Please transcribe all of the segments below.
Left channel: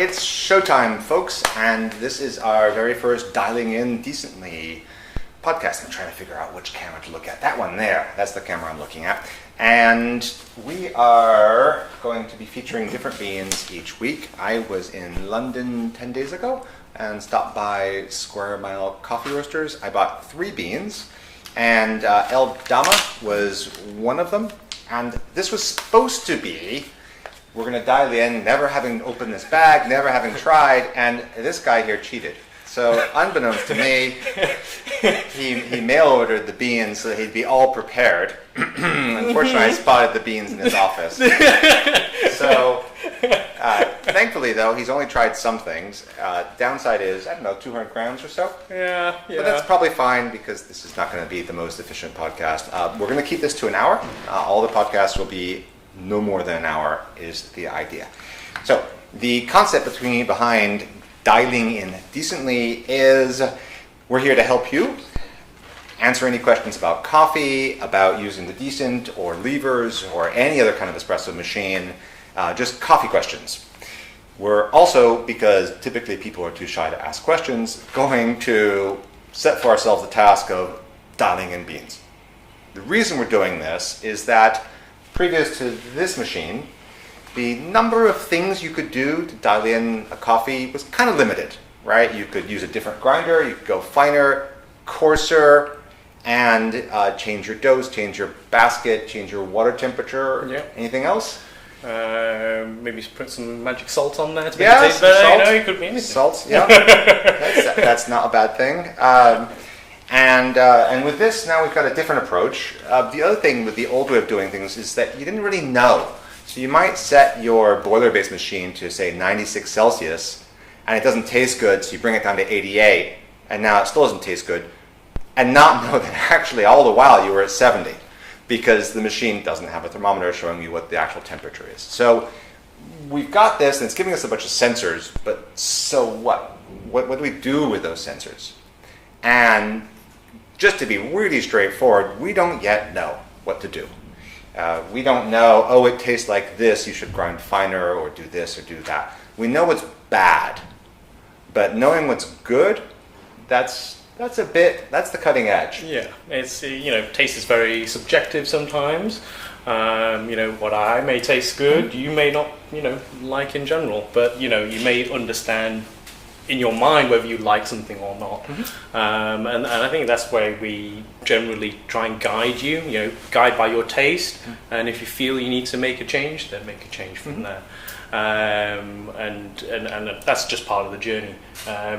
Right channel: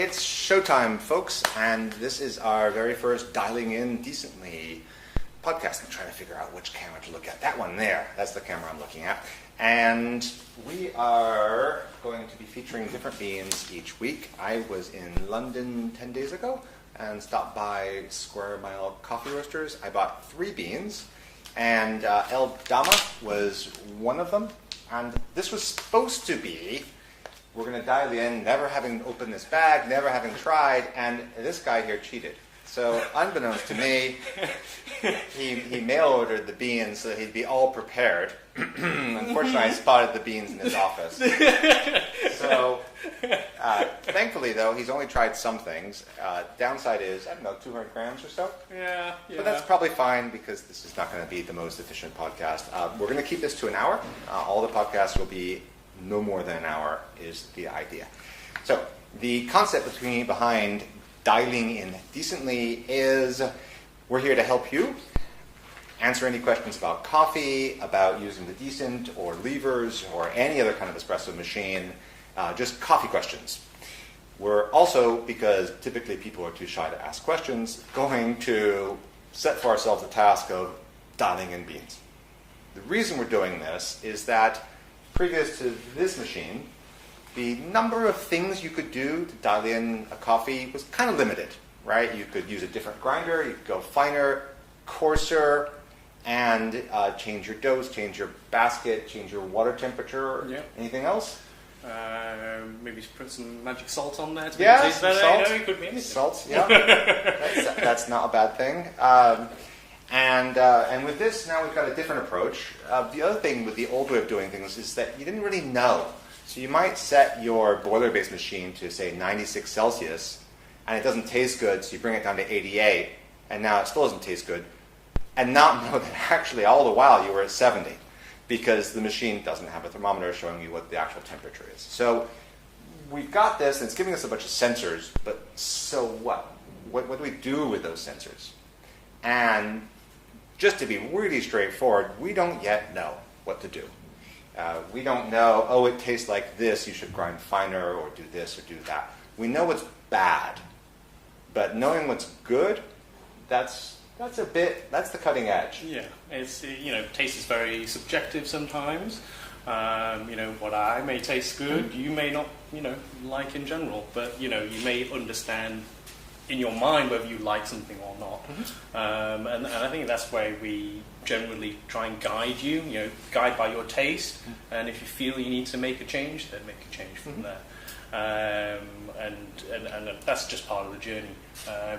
It's showtime, folks, and this is our very first Dialing In Decently podcast. I'm trying to figure out which camera to look at. That one there, that's the camera I'm looking at. And we are going to be featuring different beans each week. I was in London 10 days ago and stopped by Square Mile Coffee Roasters. I bought 3 beans, and El Dama was one of them. And this was supposed to be, we're going to dial in, never having opened this bag, never having tried, and this guy here cheated. So unbeknownst to me, he mail ordered the beans so that he'd be all prepared. Unfortunately, I spotted the beans in his office. So thankfully, though, he's only tried some things. Downside is, 200 grams or so. Yeah. But that's probably fine because this is not going to be the most efficient podcast. We're going to keep this to an hour. All the podcasts will be no more than an hour is the idea. So the concept behind Dialing In Decently is we're here to help you answer any questions about coffee, about using the decent or levers or any other kind of espresso machine, just coffee questions. We're also, because typically people are too shy to ask questions, going to set for ourselves the task of dialing in beans. The reason we're doing this is that previous to this machine, the number of things you could do to dial in a coffee was kind of limited, right? You could use a different grinder, you could go finer, coarser, and change your dose, change your basket, change your water temperature. Yep. Anything else? Maybe put some magic salt on there to make it taste better. Salt. It could be anything. Salt, yeah. that's not a bad thing. And with this, now we've got a different approach. The other thing with the old way of doing things is that you didn't really know. So you might set your boiler-based machine to, say, 96 Celsius, and it doesn't taste good, so you bring it down to 88, and now it still doesn't taste good, and not know that actually all the while you were at 70, because the machine doesn't have a thermometer showing you what the actual temperature is. So we've got this, and it's giving us a bunch of sensors, but so what? What do we do with those sensors? And just to be really straightforward, we don't yet know what to do. We don't know, it tastes like this, you should grind finer, or do this, or do that. We know what's bad, but knowing what's good, that's the cutting edge. Yeah, it's taste is very subjective sometimes. What I may taste good, you may not, like in general, but you may understand in your mind whether you like something or not. Mm-hmm. And I think that's where we generally try and guide you, guide by your taste. Mm-hmm. And if you feel you need to make a change, then make a change from there. And that's just part of the journey.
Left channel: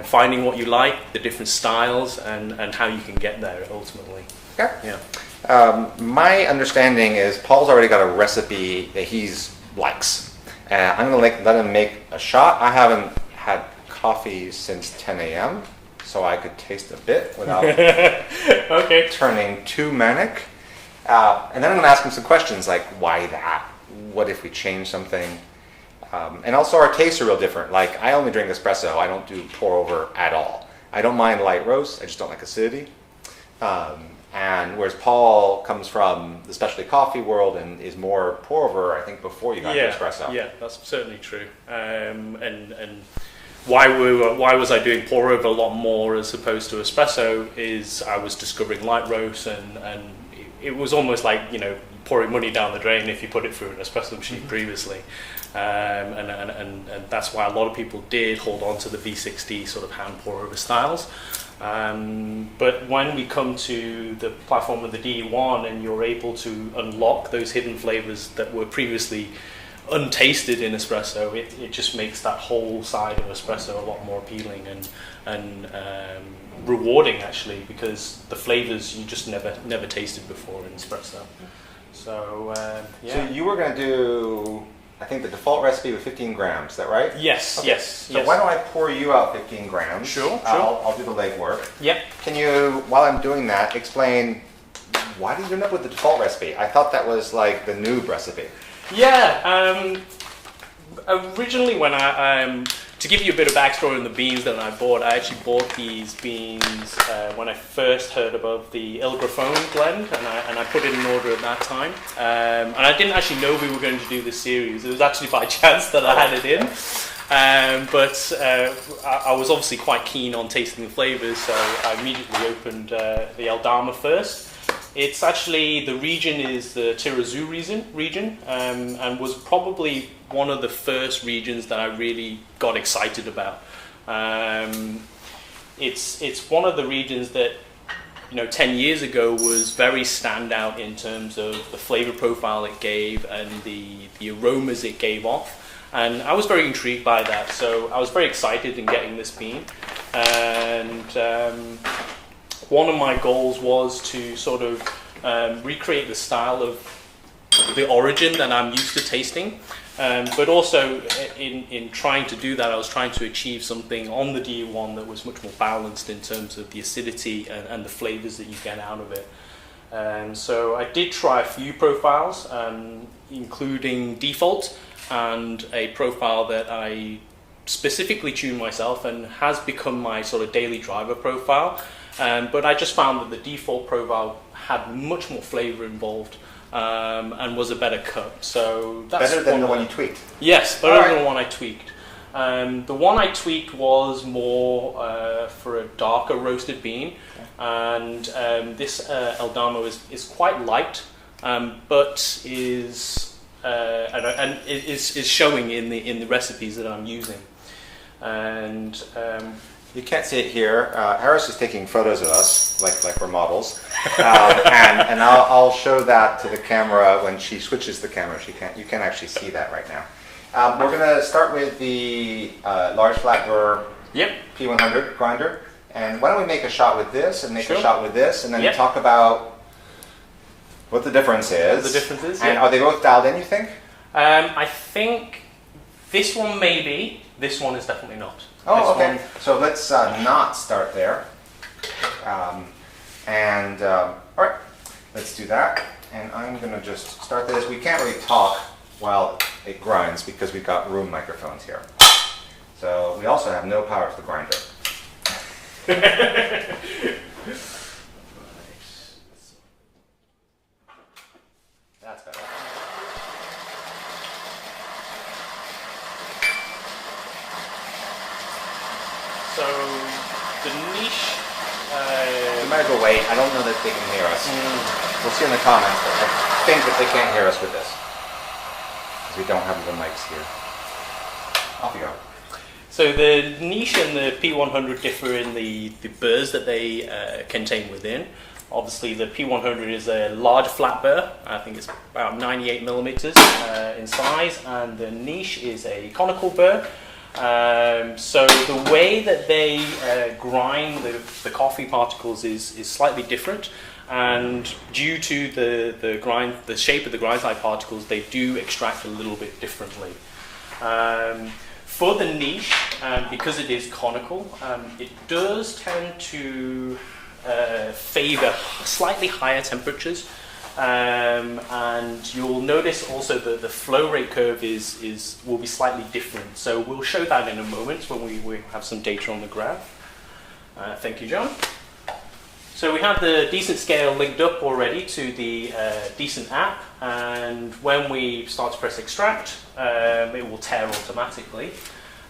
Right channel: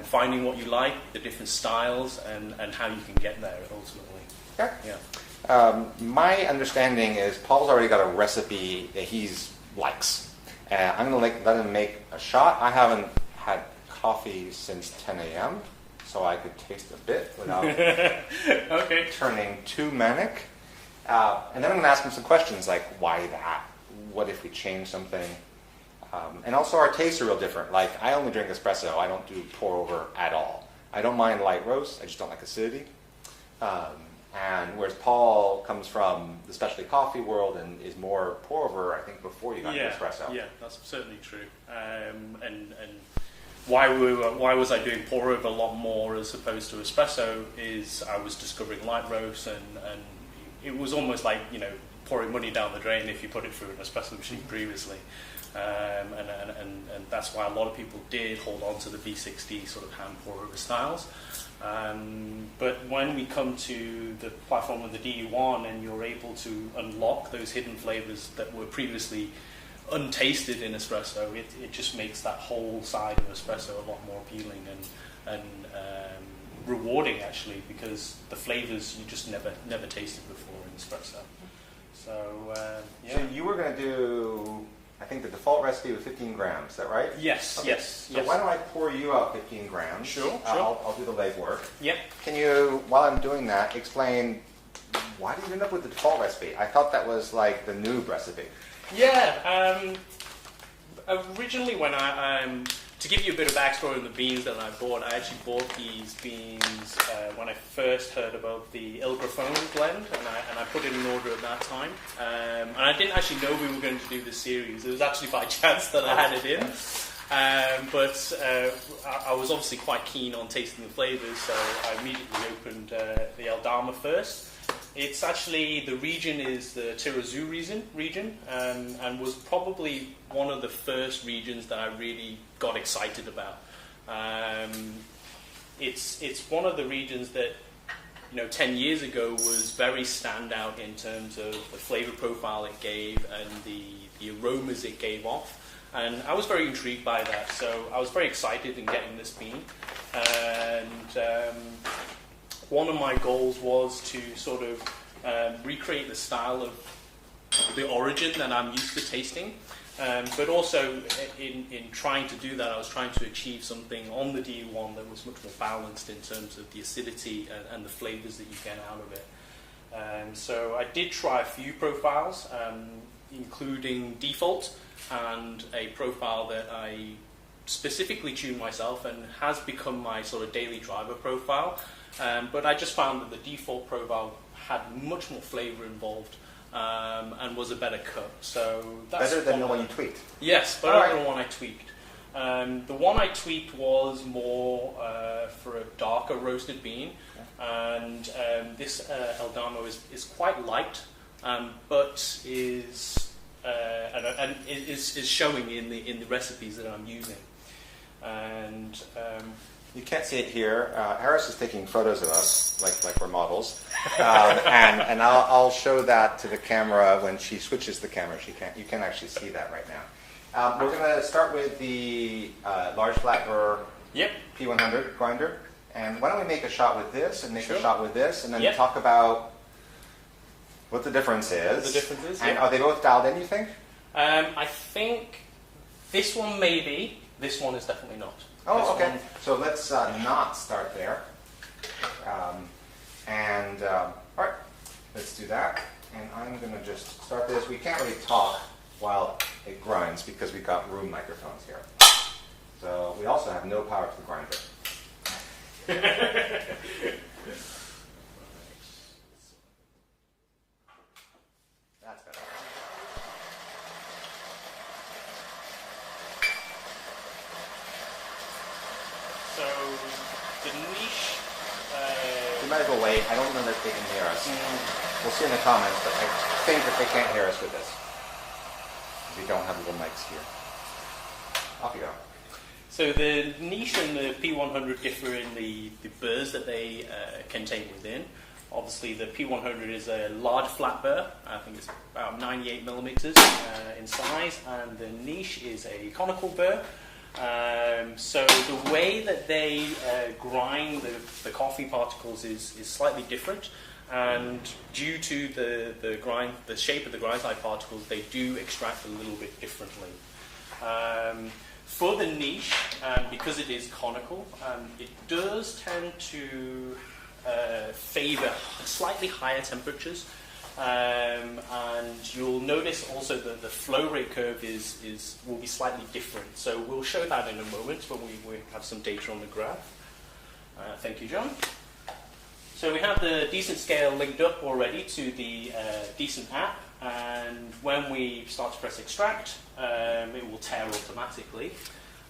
Finding what you like, the different styles, and how you can get there ultimately. Okay. Yeah. My understanding is Paul's already got a recipe that he likes. I'm going to let him make a shot. I haven't had coffee since 10 a.m., so I could taste a bit without turning too manic. And then I'm going to ask him some questions like, why that? What if we change something? And also our tastes are real different. Like, I only drink espresso. I don't do pour over at all. I don't mind light roast. I just don't like acidity. And whereas Paul comes from the specialty coffee world and is more pour over, I think, before you got to espresso. Yeah, that's certainly true. And why was I doing pour over a lot more as opposed to espresso is I was discovering light roast, and it was almost like pouring money down the drain if you put it through an espresso machine previously. And that's why a lot of people did hold on to the V60 sort of hand pour over styles. But when we come to the platform of the D1 and you're able to unlock those hidden flavors that were previously untasted in espresso, it just makes that whole side of espresso a lot more appealing and rewarding, actually, because the flavors you just never tasted before in espresso. So So you were going to do, I think the default recipe with 15 grams, is that right? Yes, okay. yes. So why don't I pour you out 15 grams? Sure. I'll do the legwork. Yep. Can you, while I'm doing that, explain why did you end up with the default recipe? I thought that was like the noob recipe. Yeah. Originally, when to give you a bit of backstory on the beans that I bought, I actually bought these beans when I first heard about the El Grafone blend, and I put it in order at that time. And I didn't actually know we were going to do this series. It was actually by chance that I had it in. But I was obviously quite keen on tasting the flavors, so I immediately opened the El Dama first. It's actually, the region is the Tirazu region, and was probably one of the first regions that I really got excited about. It's one of the regions that, 10 years ago was very standout in terms of the flavor profile it gave and the aromas it gave off. And I was very intrigued by that, so I was very excited in getting this bean. And one of my goals was to sort of recreate the style of the origin that I'm used to tasting. But also, in trying to do that, I was trying to achieve something on the D1 that was much more balanced in terms of the acidity and the flavors that you get out of it. So I did try a few profiles, including default, and a profile that I specifically tuned myself and has become my sort of daily driver profile. But I just found that the default profile had much more flavor involved. And was a better cut. So that's better than the one you tweaked. Yes, better than the one I tweaked. The one I tweaked was more for a darker roasted bean, and this El Dama is quite light, but is showing in the recipes that I'm using. And you can't see it here. Harris is taking photos of us, like we're models, and I'll show that to the camera when she switches the camera. You can't actually see that right now. We're going to start with the large flat burr P100 grinder, and why don't we make a shot with this and make a shot with this, and then talk about what the difference is. What the difference is, and are they both dialed in? You think? I think this one maybe. This one is definitely not. Oh, okay. So let's not start there. All right, let's do that. And I'm going to just start this. We can't really talk while it grinds because we've got room microphones here. So we also have no power to the grinder. That's better. So the niche. We might as well wait. I don't know that they can hear us. We'll see in the comments. But I think that they can't hear us with this because we don't have the mics here. Off you go. So the niche and the P100 differ in the burrs that they contain within. Obviously, the P100 is a large flat burr. I think it's about 98 millimeters in size, and the niche is a conical burr. So the way that they grind the coffee particles is slightly different, and due to the shape of the grind-side particles, they do extract a little bit differently. For the niche, because it is conical, it does tend to favor slightly higher temperatures. And you'll notice also that the flow rate curve will be slightly different. So we'll show that in a moment when we have some data on the graph. Thank you, John. So we have the decent scale linked up already to the decent app, and when we start to press extract, it will tear automatically.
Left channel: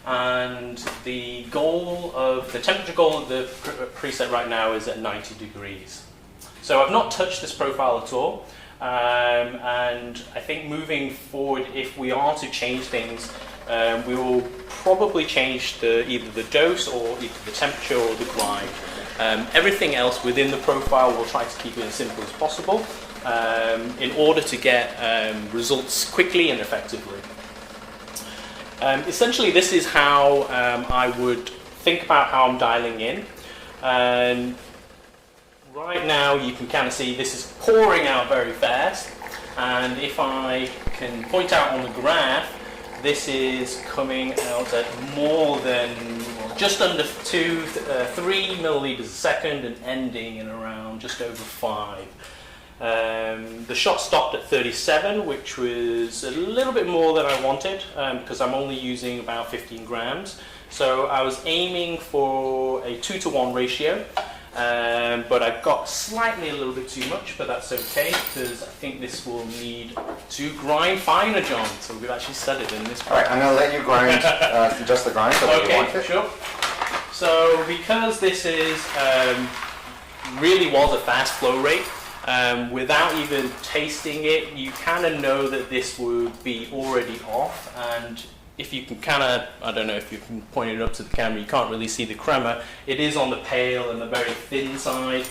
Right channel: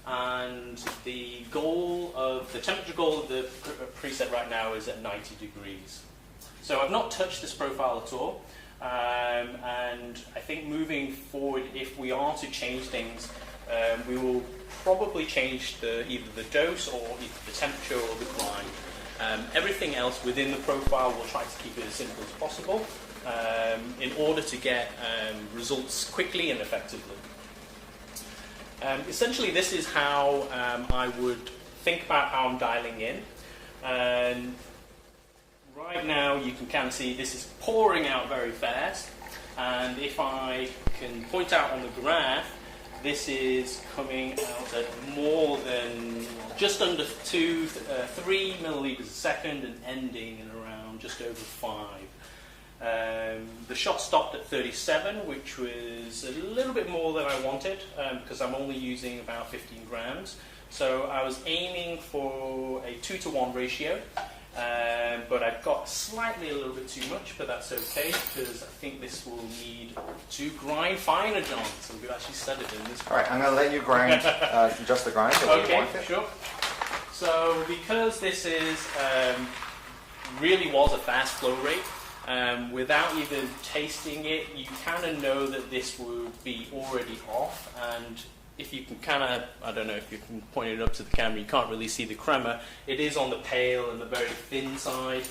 And the temperature goal of the preset right now is at 90 degrees. So I've not touched this profile at all, and I think moving forward, if we are to change things, we will probably change either the dose or either the temperature or the grind. Everything else within the profile, we'll try to keep it as simple as possible in order to get results quickly and effectively. Essentially, this is how I would think about how I'm dialing in. And right now, you can kind of see this is pouring out very fast. And if I can point out on the graph, this is coming out at more than, just under 3 milliliters a second and ending in around just over 5. The shot stopped at 37, which was a little bit more than I wanted because I'm only using about 15 grams. So I was aiming for a 2-to-1 ratio. But I've got slightly a little bit too much, but that's okay because I think this will need to grind finer, John. So we've actually said it in this. All right, I'm going to let you grind, just the grind. So Okay, sure. So because this is really was a fast flow rate, without even tasting it, you kind of know that this would be already off. And if you can kind of, I don't know if you can point it up to the camera, you can't really see the crema. It is on the pale and the very thin side.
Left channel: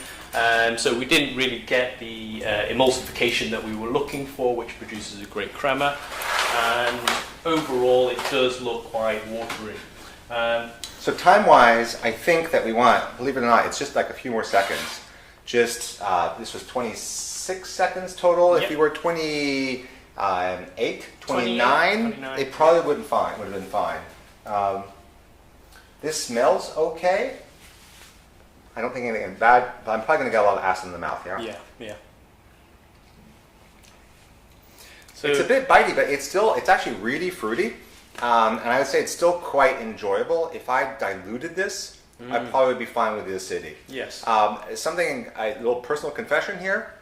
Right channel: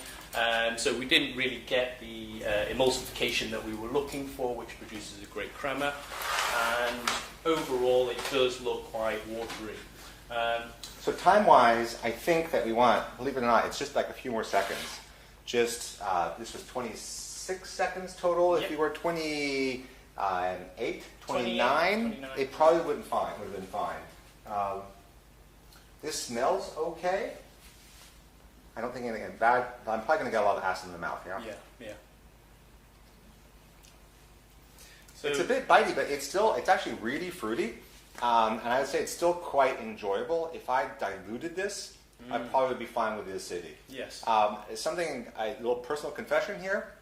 So we didn't really get the emulsification that we were looking for, which produces a great crema. And overall, it does look quite watery. So time-wise, I think that we want, believe it or not, it's just like a few more seconds. Just, this was 26 seconds total. Yep. If you were 28, 29, it probably would have been fine. This smells okay. I don't think anything bad, but I'm probably going to get a lot of acid in the mouth here. Yeah. So it's a bit bitey, but it's actually really fruity. And I would say it's still quite enjoyable. If I diluted this, I'd probably be fine with the acidity. Yes. A little personal confession here.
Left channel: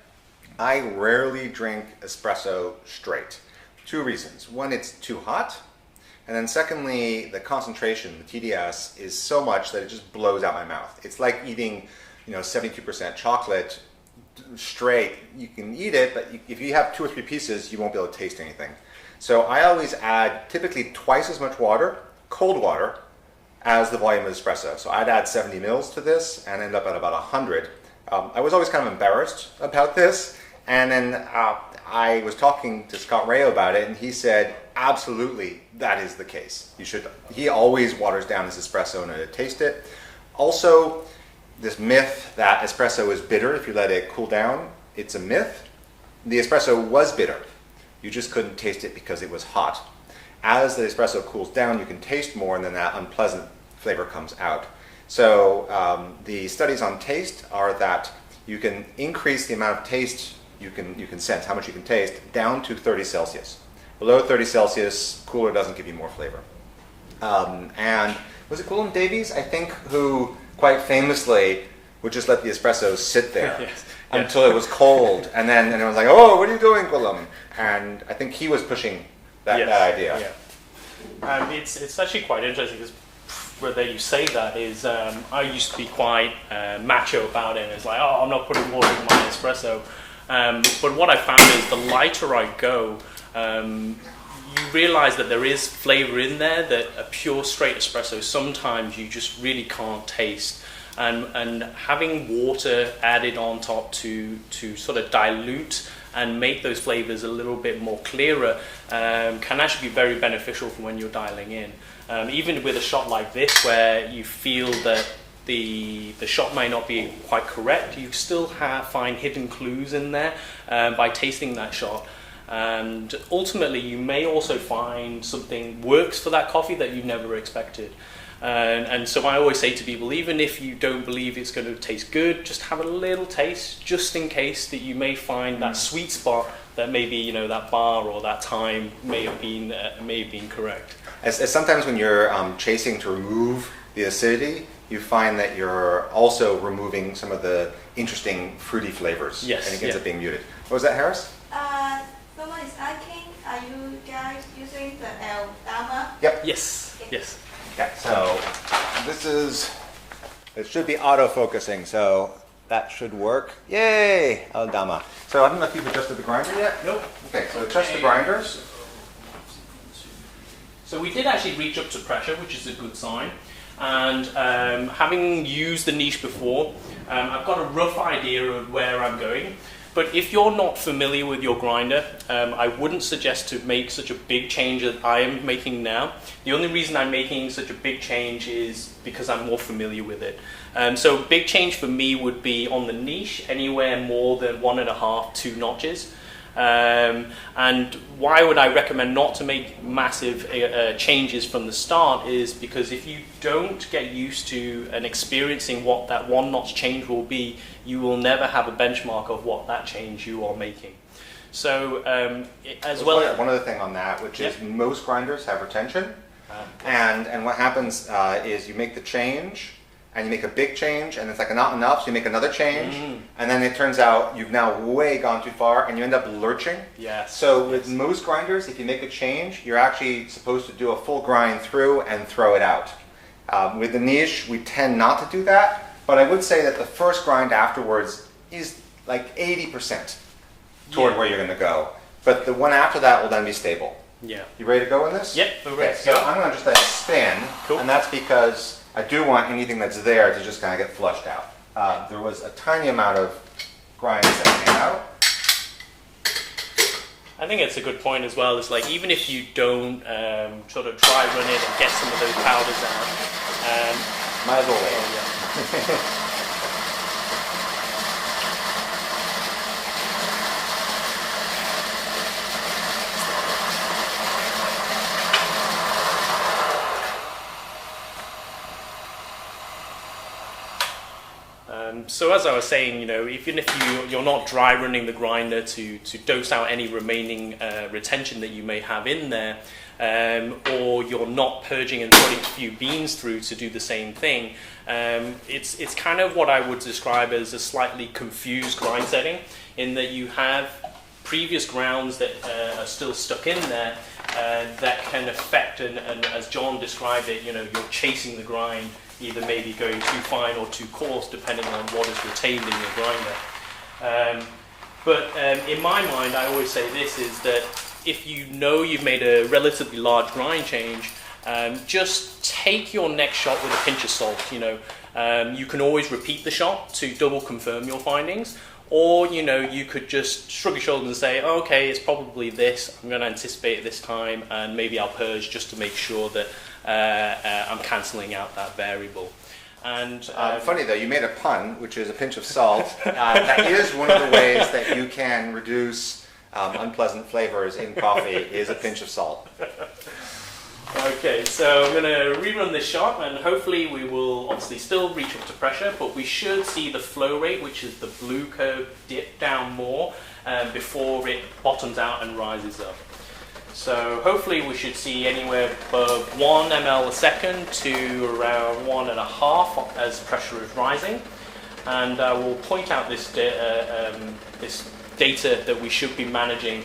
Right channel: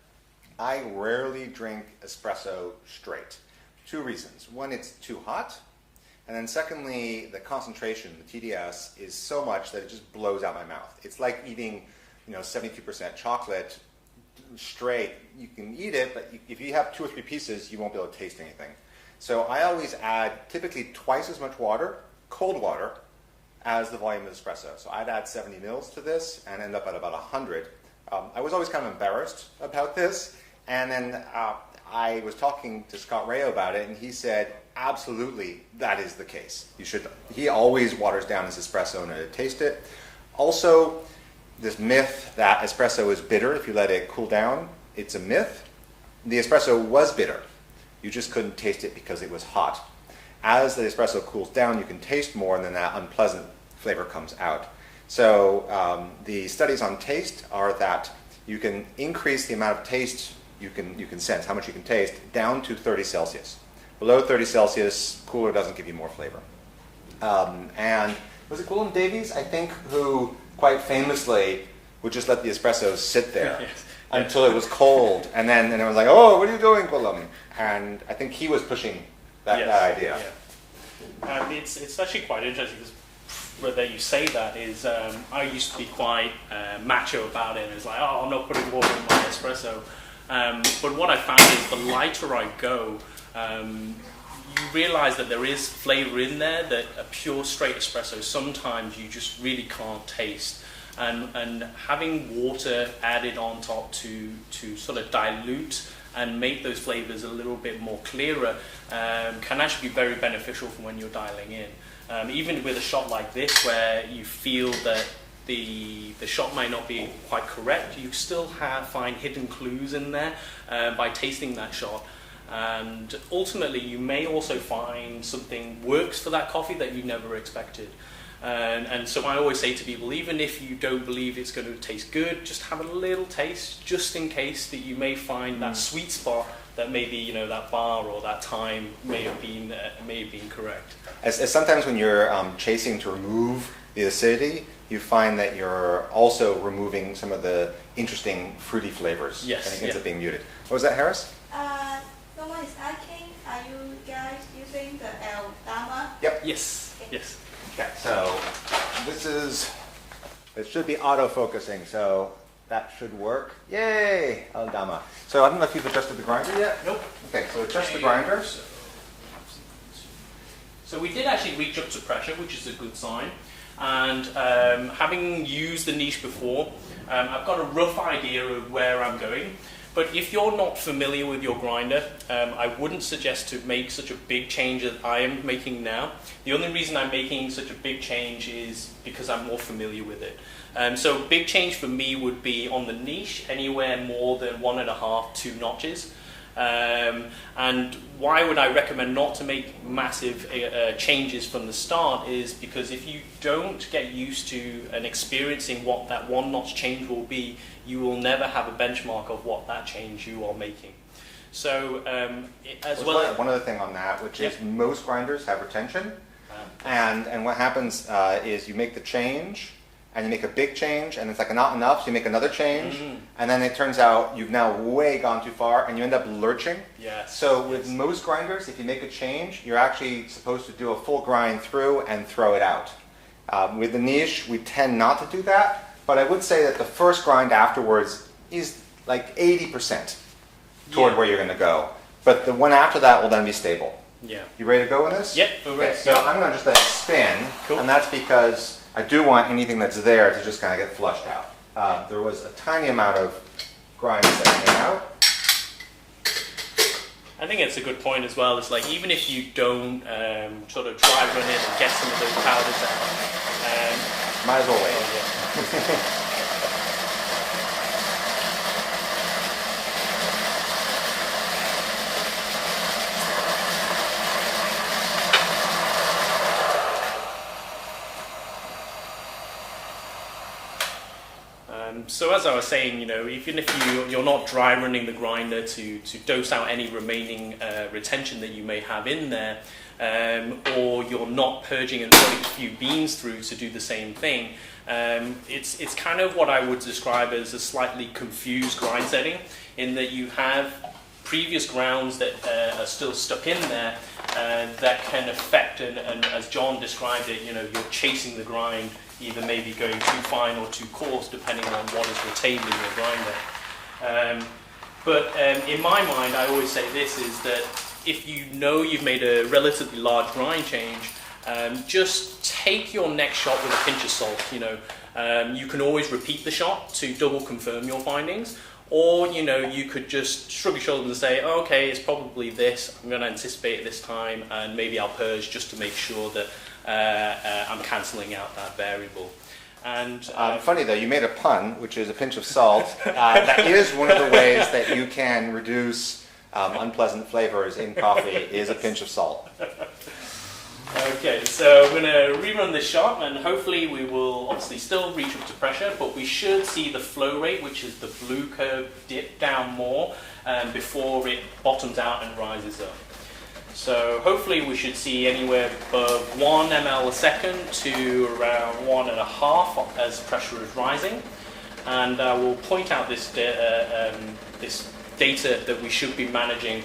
I rarely drink espresso straight. 2 reasons. One, it's too hot. And then secondly, the concentration, the TDS, is so much that it just blows out my mouth. It's like eating, 72% chocolate straight. You can eat it, but if you have 2 or 3 pieces, you won't be able to taste anything. So I always add typically twice as much water, cold water, as the volume of espresso. So I'd add 70 mils to this and end up at about 100. I was always kind of embarrassed about this. And then I was talking to Scott Rayo about it, and he said, absolutely, that is the case. He always waters down his espresso in order to taste it. Also, this myth that espresso is bitter if you let it cool down, it's a myth. The espresso was bitter. You just couldn't taste it because it was hot. As the espresso cools down, you can taste more, and then that unpleasant flavor comes out. So the studies on taste are that you can increase the amount of taste you can sense, how much you can taste, down to 30 Celsius. Below 30 Celsius, cooler doesn't give you more flavor. And was it Gwilym Davies, I think, who quite famously would just let the espresso sit there Yes. until it was cold, and then it was like, oh, what are you doing, Gwilym? And I think he was pushing that idea. Yeah. It's actually quite interesting because whether you say that is, I used to be quite macho about it. It's like, oh, I'm not putting water in my espresso. But what I found is the lighter I go, you realize that there is flavor in there that a pure straight espresso sometimes you just really can't taste. And having water added on top to sort of dilute and make those flavors a little bit more clearer can actually be very beneficial for when you're dialing in. Even with a shot like this where you feel that the shot may not be quite correct, you still find hidden clues in there by tasting that shot. And ultimately you may also find something works for that coffee that you never expected. And so I always say to people, even if you don't believe it's going to taste good, just have a little taste, just in case that you may find that sweet spot that maybe that bar or that time may have been correct. As sometimes when you're chasing to remove the acidity, you find that you're also removing some of the interesting fruity flavors. Yes, and it ends up being muted. What was that, Harris? So what is stacking? Are you guys using the El Dama? Yep. Yes. Okay, so it should be auto-focusing, so that should work. Yay! El Dama. So I don't know if you've adjusted the grinder yet? Nope. Okay, so adjust the grinder. So we did actually reach up to pressure, which is a good sign. And having used the niche before, I've got a rough idea of where I'm going. But if you're not familiar with your grinder, I wouldn't suggest to make such a big change that I am making now. The only reason I'm making such a big change is because I'm more familiar with it. So a big change for me would be on the niche, anywhere more than 1.5, 2 notches. And why would I recommend not to make massive changes from the start is because if you don't get used to and experiencing what that 1 notch change will be, you will never have a benchmark of what that change you are making. So one other thing on that, which is most grinders have retention, and what happens is you make the change, and you make a big change, and it's like not enough, so you make another change, and then it turns out you've now way gone too far, and you end up lurching. Yes. So with most grinders, if you make a change, you're actually supposed to do a full grind through and throw it out. With the niche, we tend not to do that, but I would say that the first grind afterwards is like 80% toward where you're going to go. But the one after that will then be stable. Yeah. You ready to go in this? Yep. Okay, so I'm going to just let it spin, Cool. and that's because I do want anything that's there to just kind of get flushed out. There was a tiny amount of grinds that came out. I think it's a good point as well. It's like even if you don't sort of dry run it and get some of those powders out, Might as well. so as I was saying, even if you're not dry running the grinder to dose out any remaining retention that you may have in there, or you're not purging and putting a few beans through to do the same thing, it's kind of what I would describe as a slightly confused grind setting, in that you have previous grounds that are still stuck in there that can affect, and as John described it, you're chasing the grind, either maybe going too fine or too coarse, depending on what is retained in your grinder. But in my mind, I always say this, is that if you've made a relatively large grind change, just take your next shot with a pinch of salt. You can always repeat the shot to double confirm your findings, or you could just shrug your shoulders and say, oh, okay, it's probably this, I'm going to anticipate it this time, and maybe I'll purge just to make sure that I'm cancelling out that variable. And funny though, you made a pun, which is a pinch of salt. That is one of the ways that you can reduce unpleasant flavors in coffee, is a pinch of salt. Okay, so I'm going to rerun this shot, and hopefully we will obviously still reach up to pressure, but we should see the flow rate, which is the blue curve, dip down more before it bottoms out and rises up. So hopefully we should see anywhere above 1 ml a second to around 1.5 as pressure is rising. And I will point out this data that we should be managing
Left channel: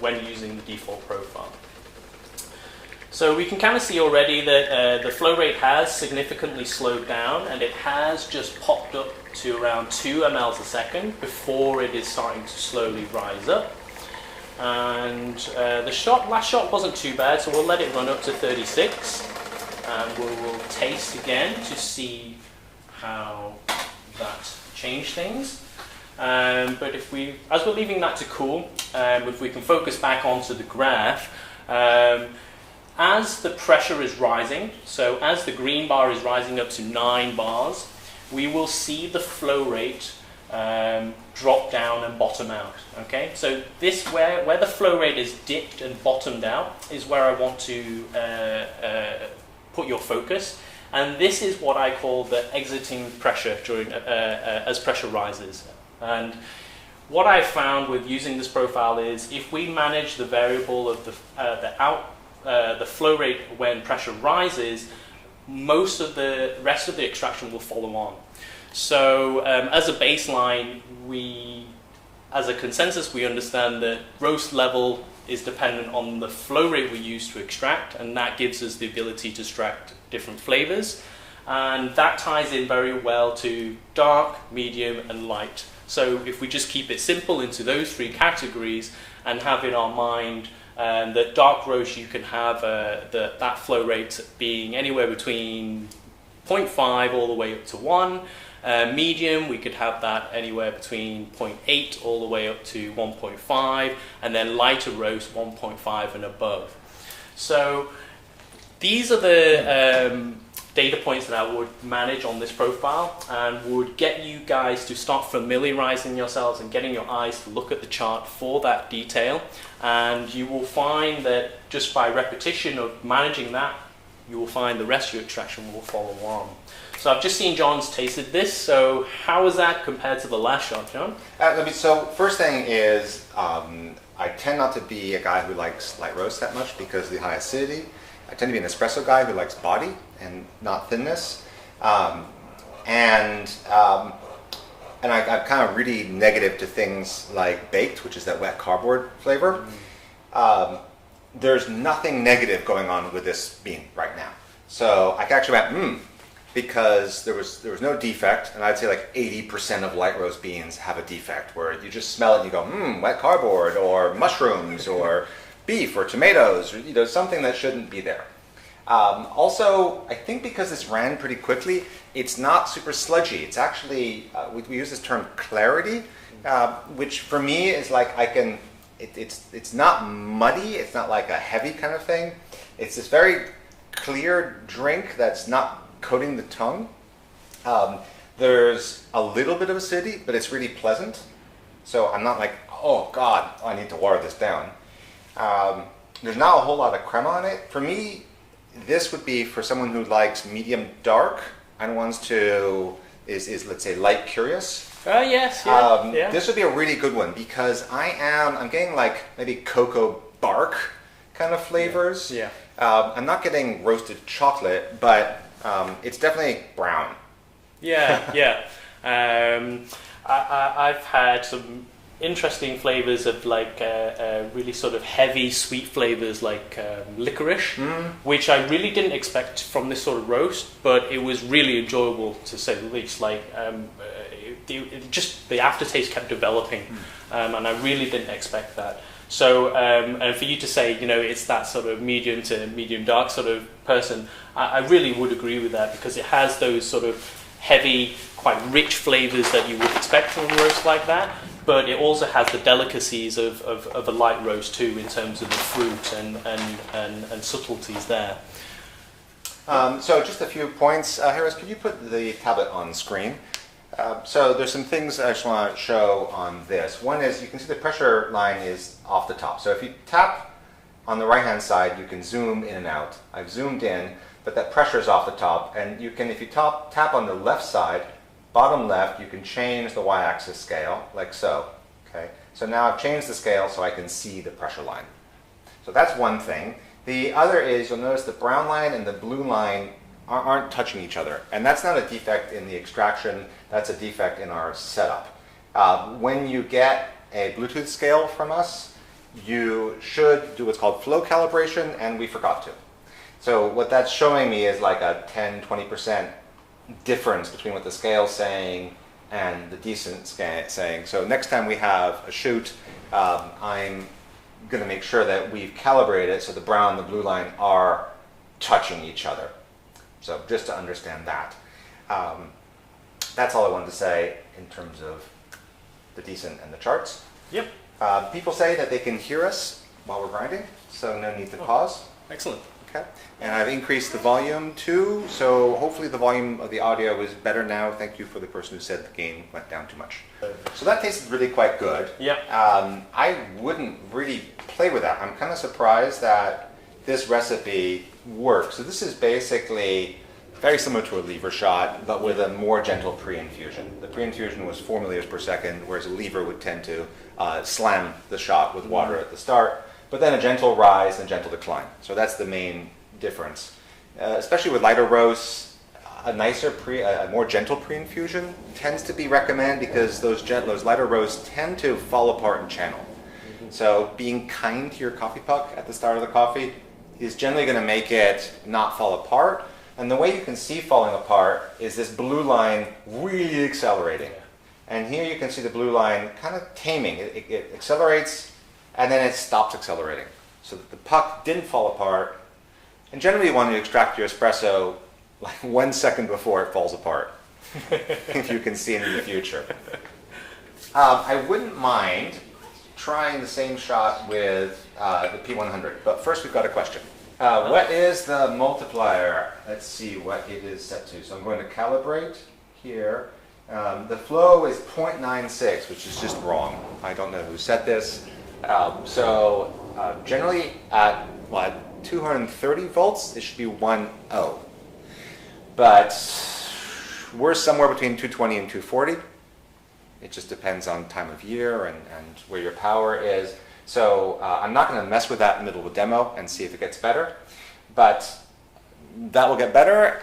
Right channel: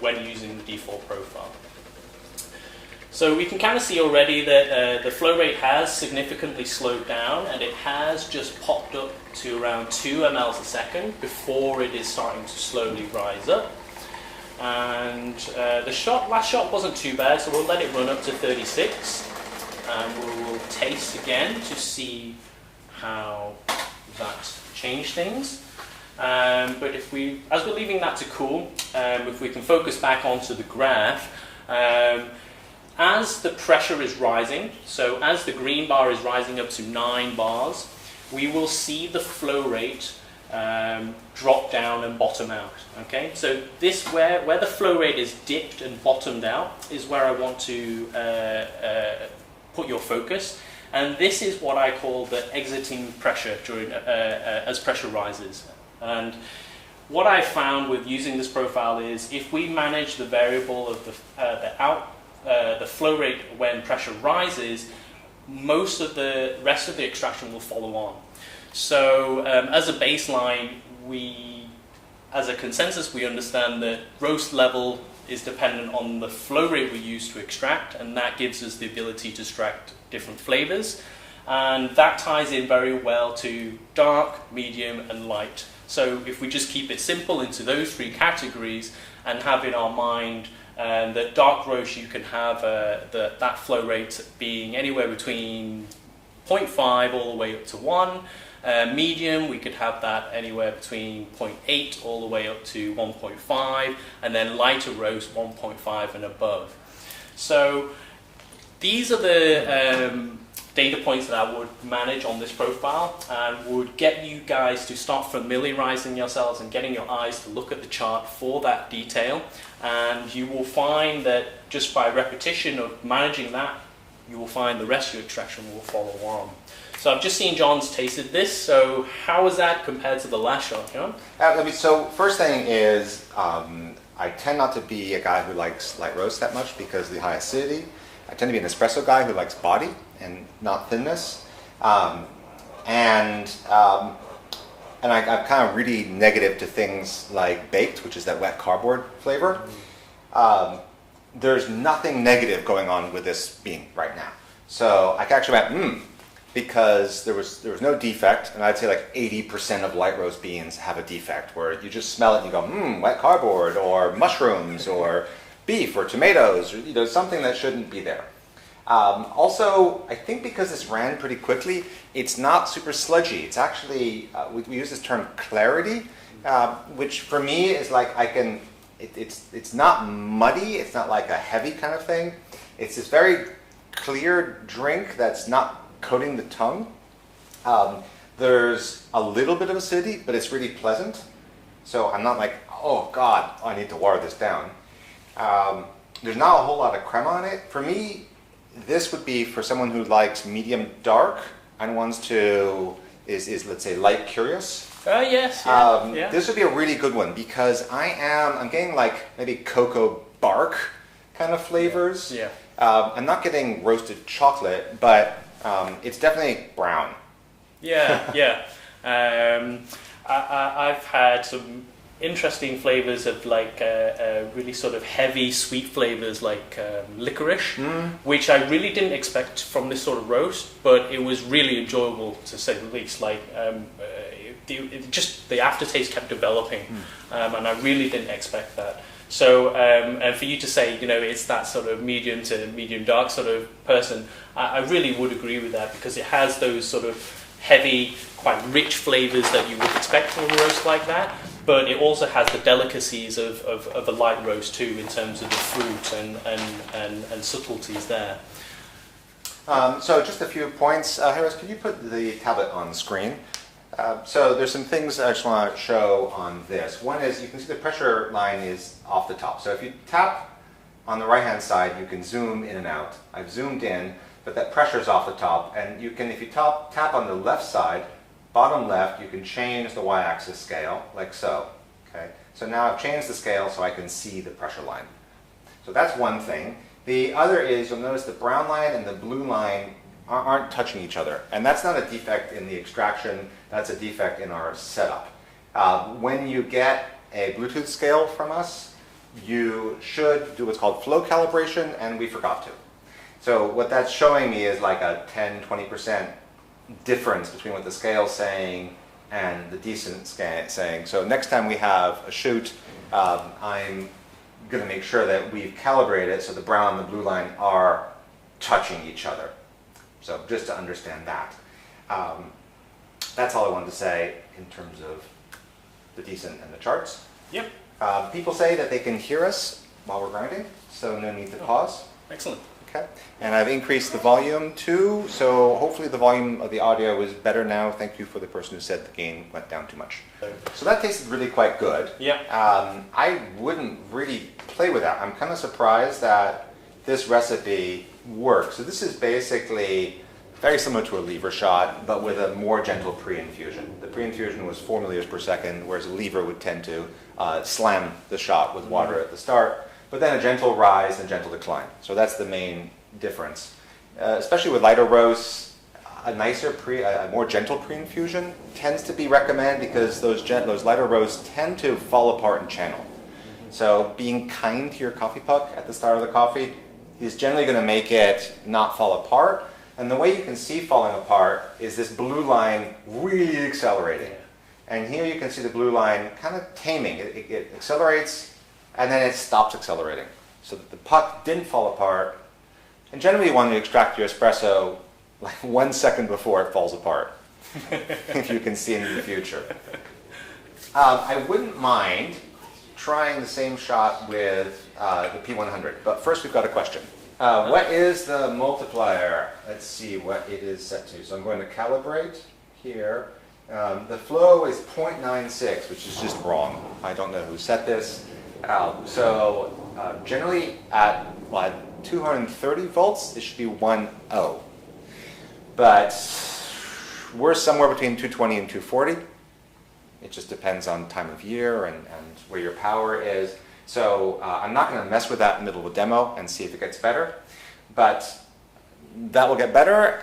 when using the default profile. So we can kind of see already that the flow rate has significantly slowed down, and it has just popped up to around 2 ml a second before it is starting to slowly rise up. And the last shot wasn't too bad, so we'll let it run up to 36, and we'll taste again to see how that changed things. But as we're leaving that to cool, if we can focus back onto the graph, as the pressure is rising, so as the green bar is rising up to 9 bars, we will see the flow rate drop down and bottom out. Okay, so this where the flow rate is dipped and bottomed out is where I want to put your focus, and this is what I call the exiting pressure during as pressure rises. And what I found with using this profile is if we manage the variable of the flow rate when pressure rises, most of the rest of the extraction will follow on. So as a baseline, as a consensus, we understand that roast level is dependent on the flow rate we use to extract, and that gives us the ability to extract different flavors. And that ties in very well to dark, medium, and light. So if we just keep it simple into those 3 categories and have in our mind that dark roast, you can have that flow rate being anywhere between 0.5 all the way up to 1. Medium, we could have that anywhere between 0.8 all the way up to 1.5, and then lighter roast 1.5 and above. So these are the data points that I would manage on this profile, and would get you guys to start familiarizing yourselves and getting your eyes to look at the chart for that detail. And you will find that just by repetition of managing that, you will find the rest of your extraction will follow on. So I've just seen John's tasted this, so how is that compared to the last shot, John? So first thing is, I tend not to be a guy who likes light roast that much because of the high acidity. I tend to be an espresso guy who likes body and not thinness. Um, and um, and I'm kind of really negative to things like baked, which is that wet cardboard flavor. There's nothing negative going on with this bean right now. So I actually went, because there was no defect, and I'd say like 80% of light roast beans have a defect where you just smell it and you go, wet cardboard, or mushrooms, or beef, or tomatoes, or something that shouldn't be there. Also, I think because this ran pretty quickly, it's not super sludgy. It's actually, we use this term clarity, which for me is like it's not muddy, it's not like a heavy kind of thing. It's this very clear drink that's not coating the tongue. There's a little bit of acidity, but it's really pleasant. So I'm not like, oh God, I need to water this down. There's not a whole lot of crema on it. For me, this would be for someone who likes medium dark and wants to, is let's say light curious. Yes, yeah. This would be a really good one because I'm getting like maybe cocoa bark kind of flavors. Yeah. I'm not getting roasted chocolate, but it's definitely brown. Yeah. I've had some interesting flavors of like really sort of heavy sweet flavors like licorice, which I really didn't expect from this sort of roast, but it was really enjoyable to say the least. Like just the aftertaste kept developing, and I really didn't expect that. So, and for you to say, it's that sort of medium to medium dark sort of person, I really would agree with that because it has those sort of heavy, quite rich flavors that you would expect from a roast like that, but it also has the delicacies of a light roast too in terms of the fruit and subtleties there. So just a few points. Harris, could you put the tablet on screen? So there's some things I just want to show on this. One is you can see the pressure line is off the top. So if you tap on the right-hand side, you can zoom in and out. I've zoomed in, but that pressure is off the top. And you can, if you tap on the left side, bottom left, you can change the y-axis scale, like so. Okay. So now I've changed the scale so I can see the pressure line. So that's one thing. The other is you'll notice the brown line and the blue line aren't touching each other. And that's not a defect in the extraction, that's a defect in our setup. When you get a Bluetooth scale from us, you should do what's called flow calibration, and we forgot to. So what that's showing me is like a 10-20% difference between what the scale's saying and the decent saying. So next time we have a shoot, I'm going to make sure that we've calibrated so the brown and the blue line are touching each other. So just to understand that. That's all I wanted to say in terms of the decent and the charts. Yep. People say that they can hear us while we're grinding, so no need to pause. Excellent. Okay. And I've increased the volume too, so hopefully the volume of the audio is better now. Thank you for the person who said the gain went down too much. So that tasted really quite good. Yeah. I wouldn't really play with that. I'm kind of surprised that this recipe works. So this is basically very similar to a lever shot, but with a more gentle pre-infusion. The pre-infusion was 4 milliliters per second, whereas a lever would tend to slam the shot with water at the start, but then a gentle rise and gentle decline. So that's the main difference. Especially with lighter roasts, a more gentle pre-infusion tends to be recommended because those lighter roasts tend to fall apart in channel. So being kind to your coffee puck at the start of the coffee is generally going to make it not fall apart. And the way you can see falling apart is this blue line really accelerating. And here you can see the blue line kind of taming. It accelerates, and then it stops accelerating. So that the puck didn't fall apart. And generally you want to extract your espresso like 1 second before it falls apart, if you can see into the future. I wouldn't mind trying the same shot with the P100. But first we've got a question. What is the multiplier? Let's see what it is set to. So I'm going to calibrate here. The flow is 0.96, which is just wrong. I don't know who set this. Generally at 230 volts, it should be 1.0. But we're somewhere between 220 and 240. It just depends on time of year and where your power is. So I'm not going to mess with that in the middle of a demo and see if it gets better. But that will get better.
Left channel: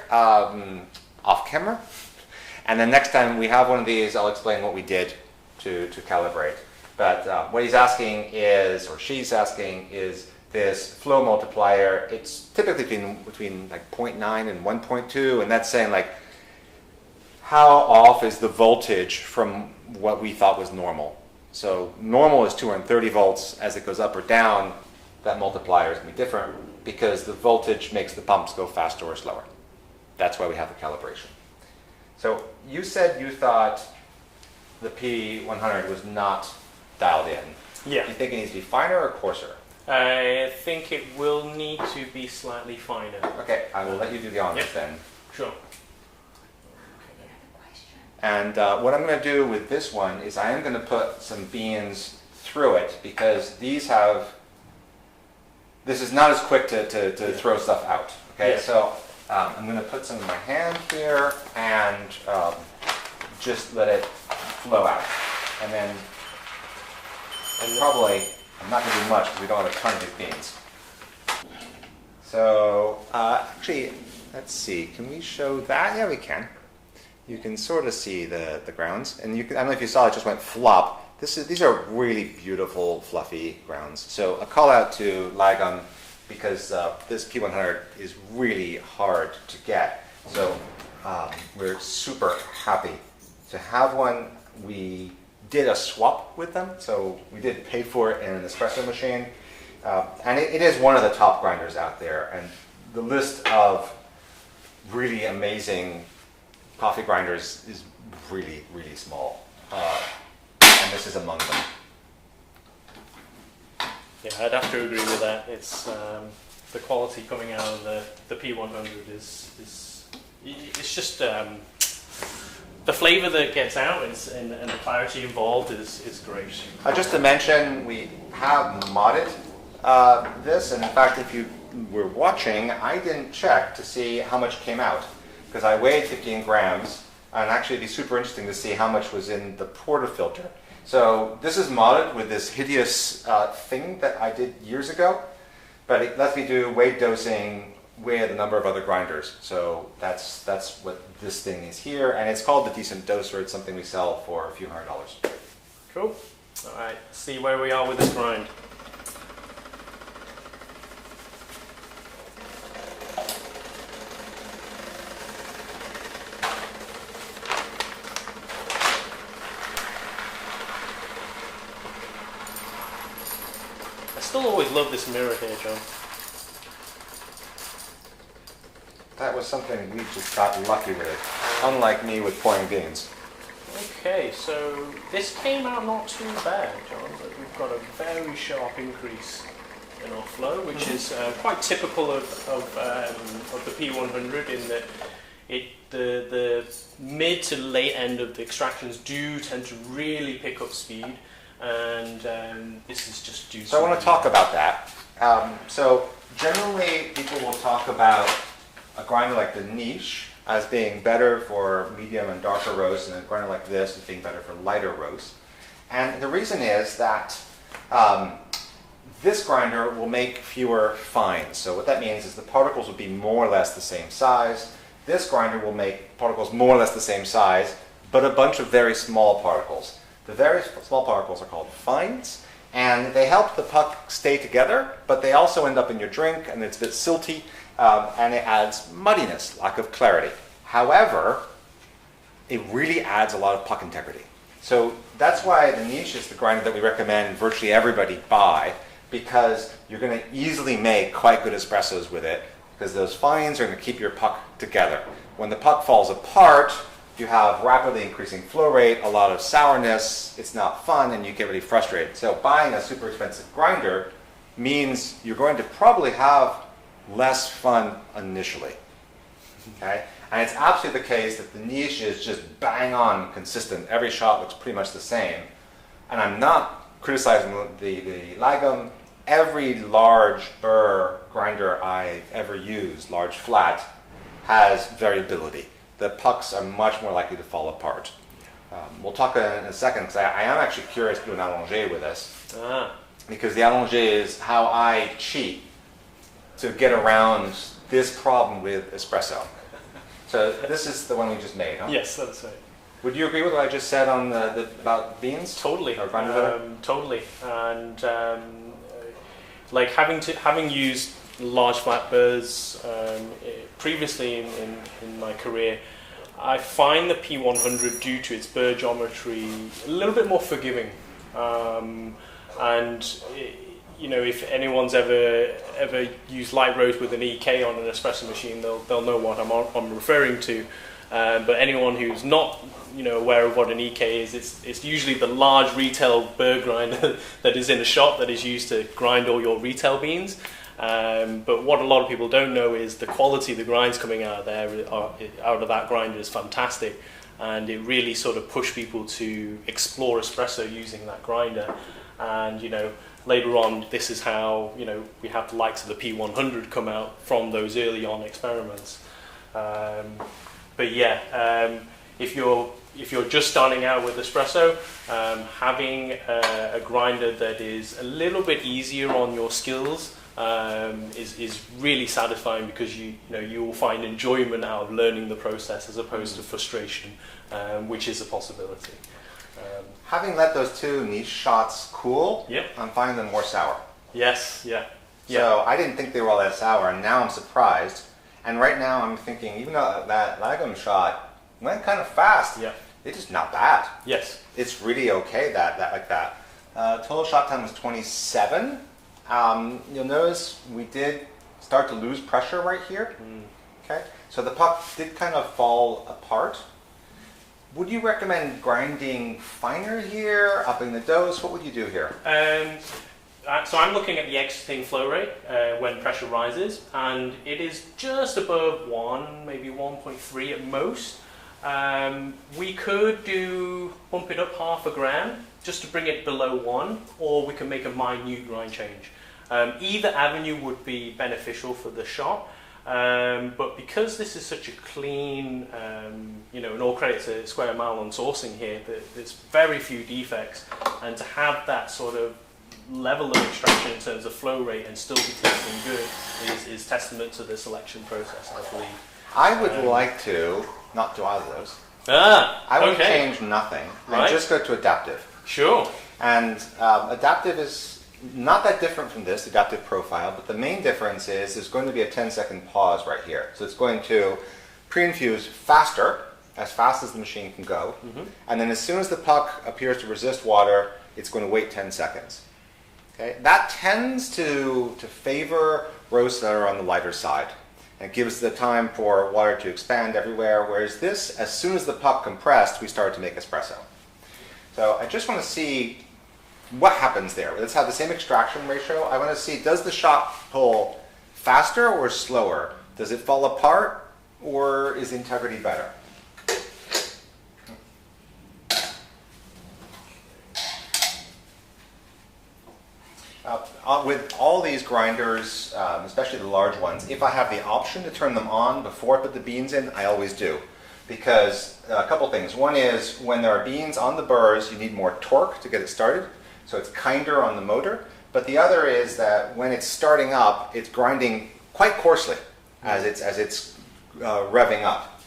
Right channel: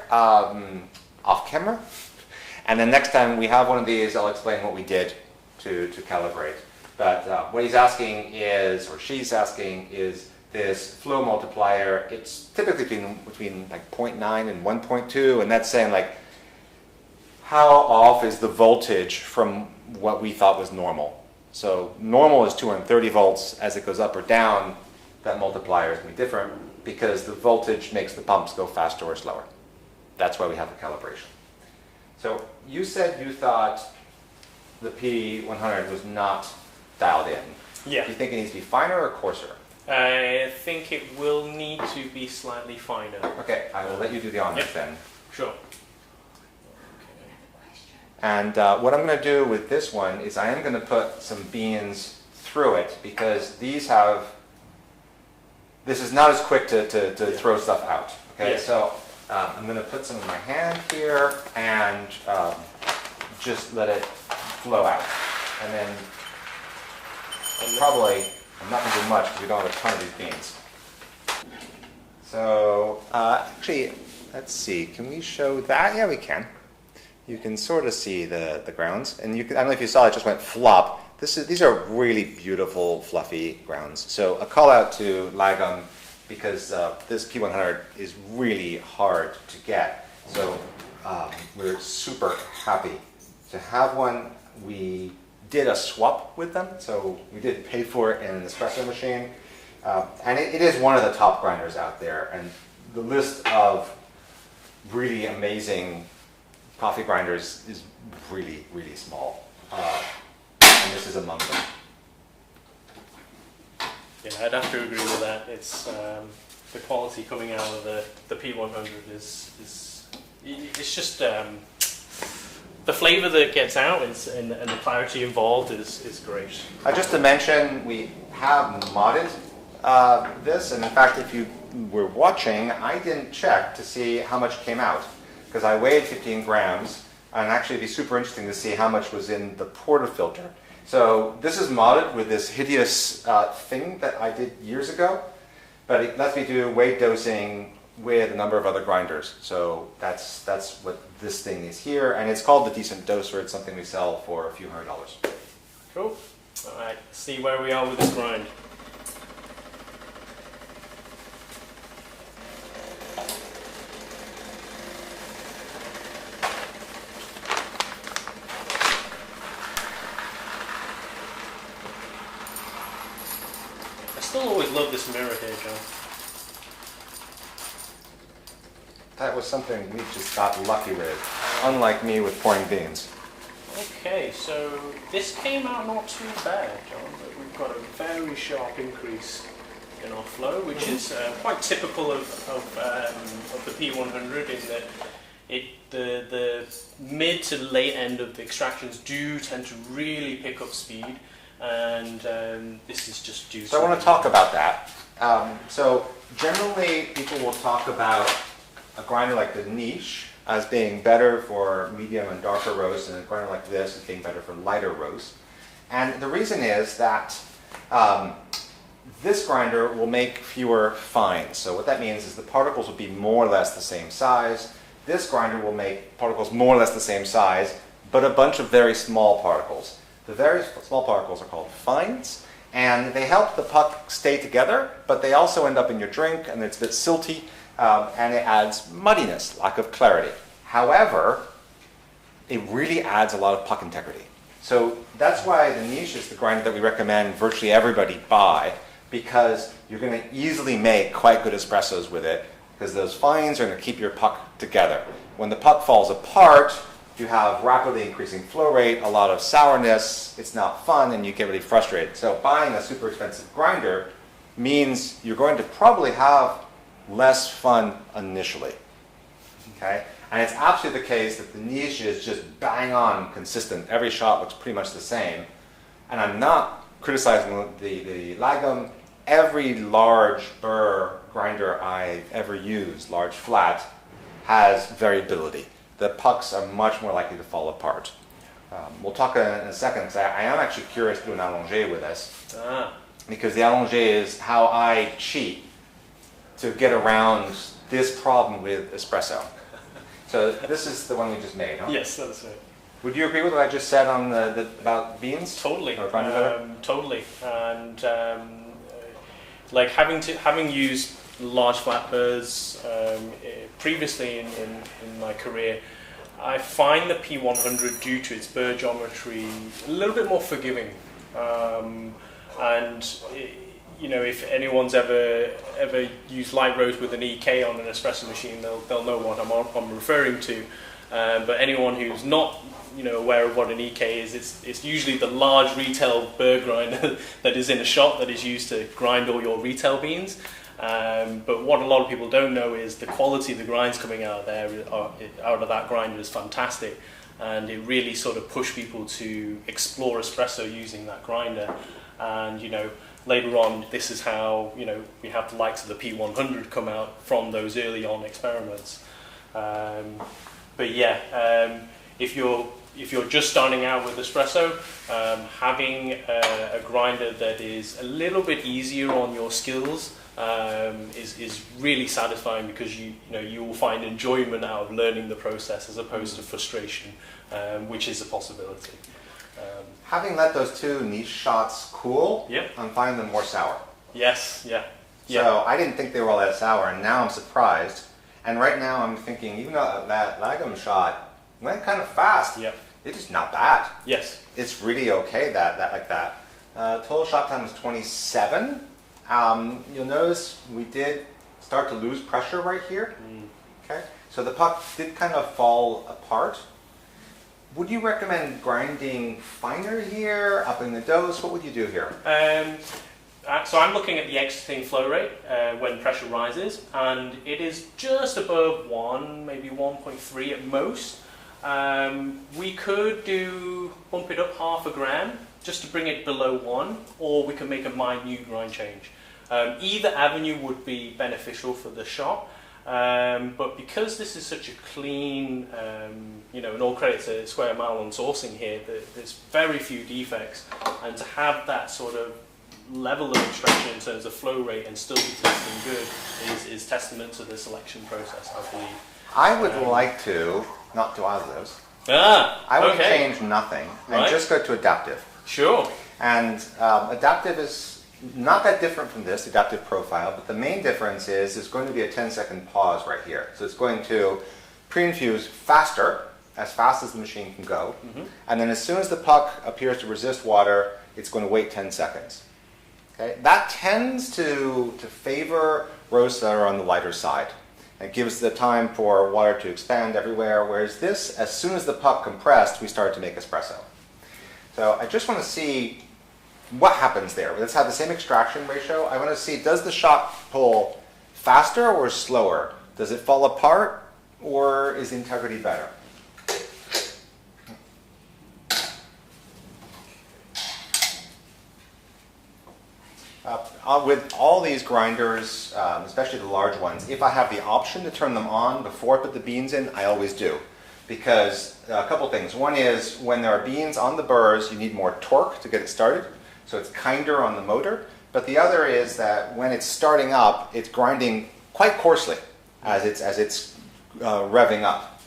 off camera. And then next time we have one of these, I'll explain what we did to calibrate. But what he's asking is, or she's asking, is this flow multiplier. It's typically between like 0.9 and 1.2, and that's saying like how off is the voltage from what we thought was normal. So normal is 230 volts. As it goes up or down, that multiplier is going to be different because the voltage makes the pumps go faster or slower. That's why we have the calibration. So you said you thought the P100 was not dialed in. Yeah. Do you think it needs to be finer or coarser? I think it will need to be slightly finer. Okay, I will let you do the honors then. Sure. And what I'm going to do with this one is I am going to put some beans through it because this is not as quick to throw stuff out. Okay, Yeah. so I'm going to put some in my hand here and just let it flow out. And then probably, I'm not going to do much because we don't have a ton of these beans. So actually, let's see, can we show that? Yeah, we can. You can sort of see the grounds. And you can, I don't know if you saw it just went flop. These are really beautiful, fluffy grounds. So a call out to Lagom because this P100 is really hard to get. So we're super happy to have one. We did a swap with them, so we did pay for it in an espresso machine. And it is one of the top grinders out there. And the list of really amazing coffee grinders is really, really small. And this is among them. Yeah, I'd have to agree with that. It's the quality coming out of the P100 is it's just the flavour that gets out and the clarity involved is great. Just to mention, we have modded this, and in fact, if you were watching, I didn't check to see how much came out because I weighed 15 grams, and actually it'd be super interesting to see how much was in the portafilter. So this is modded with this hideous thing that I did years ago, but it lets me do weight dosing with a number of other grinders. So that's what this thing is here, and it's called the Decent Doser. It's something we sell for a few $100s. Cool. All right, see where we are with this grind. I still always love this mirror here, John. That was something we just got lucky with, unlike me with pouring beans. Okay, so this came out not too bad, John, but we've got a very sharp increase in our flow, which is quite typical of the P100 in that the mid to late end of the extractions do tend to really pick up speed, and this is just due to... So I want to talk about that. So generally people will talk about a grinder like the Niche as being better for medium and darker roast, and a grinder like this as being better for lighter roast. And the reason is that this grinder will make fewer fines. So what that means is the particles will be more or less the same size. This grinder will make particles more or less the same size, but a bunch of very small particles. The very small particles are called fines, and they help the puck stay together, but they also end up in your drink, and it's a bit silty. And it adds muddiness, lack of clarity. However, it really adds a lot of puck integrity. So that's why the Niche is the grinder that we recommend virtually everybody buy, because you're going to easily make quite good espressos with it, because those fines are going to keep your puck together. When the puck falls apart, you have rapidly increasing flow rate, a lot of sourness, it's not fun, and you get really frustrated. So buying a super expensive grinder means you're going to probably have less fun initially, okay? And it's absolutely the case that the Niche is just bang on consistent. Every shot looks pretty much the same. And I'm not criticizing the Lagom. Every large burr grinder I've ever used, large flat, has variability. The pucks are much more likely to fall apart. We'll talk in a second, because I am actually curious to do an allongé with this. Because the allongé is how I cheat to get around this problem with espresso. So this is the one we just made, huh? Yes, that's it. Would you agree with what I just said on about beans? Totally, Or grinder? totally, and like having used large flat burrs previously in my career, I find the P100, due to its burr geometry, a little bit more forgiving, and if anyone's ever used light roast with an EK on an espresso machine, they'll know what I'm referring to. But anyone who's not aware of what an EK is, it's usually the large retail burr grinder that is in a shop that is used to grind all your retail beans. But what a lot of people don't know is the quality of the grinds coming out of there, out of that grinder, is fantastic, and it really sort of pushed people to explore espresso using that grinder. And later on, this is how we have the likes of the P100 come out from those early on experiments. But yeah, if you're just starting out with espresso, having a grinder that is a little bit easier on your skills is really satisfying, because you will find enjoyment out of learning the process as opposed to frustration, which is a possibility. Having let those two niche shots cool, Yeah. I'm finding them more sour. Yes, yeah. So I didn't think they were all that sour, and now I'm surprised. And right now I'm thinking, even though that lagom shot went kind of fast, Yeah. it's just not bad. Yes. It's really okay that like that. Total shot time was 27. You'll notice we did start to lose pressure right here. Okay, so the puck did kind of fall apart. Would you recommend grinding finer here, upping the dose? What would you do here? So I'm looking at the exiting flow rate when pressure rises, and it is just above 1, maybe 1.3 at most. We could bump it up half a gram just to bring it below 1, or we can make a minute grind change. Either avenue would be beneficial for the shot, but because this is such a clean, and all credit to Square Mile on sourcing here, there's very few defects, and to have that sort of level of extraction in terms of flow rate and still be tasting good is testament to the selection process, I believe. I would like to not do either of those. I I would change nothing and just go to adaptive. Sure. And adaptive is not that different from this, adaptive profile, but the main difference is there's going to be a 10-second pause right here. So it's going to pre-infuse faster, as fast as the machine can go, and then as soon as the puck appears to resist water, it's going to wait 10 seconds. Okay? That tends to favor roasts that are on the lighter side. It gives the time for water to expand everywhere, whereas this, as soon as the puck compressed, we start to make espresso. So I just want to see what happens there. Let's have the same extraction ratio. I want to see, does the shot pull faster or slower? Does it fall apart, or is the integrity better? With all these grinders, especially the large ones, if I have the option to turn them on before I put the beans in, I always do. Because a couple things. One is, when there are beans on the burrs, you need more torque to get it started, so it's kinder on the motor. But the other is that when it's starting up, it's grinding quite coarsely as it's revving up.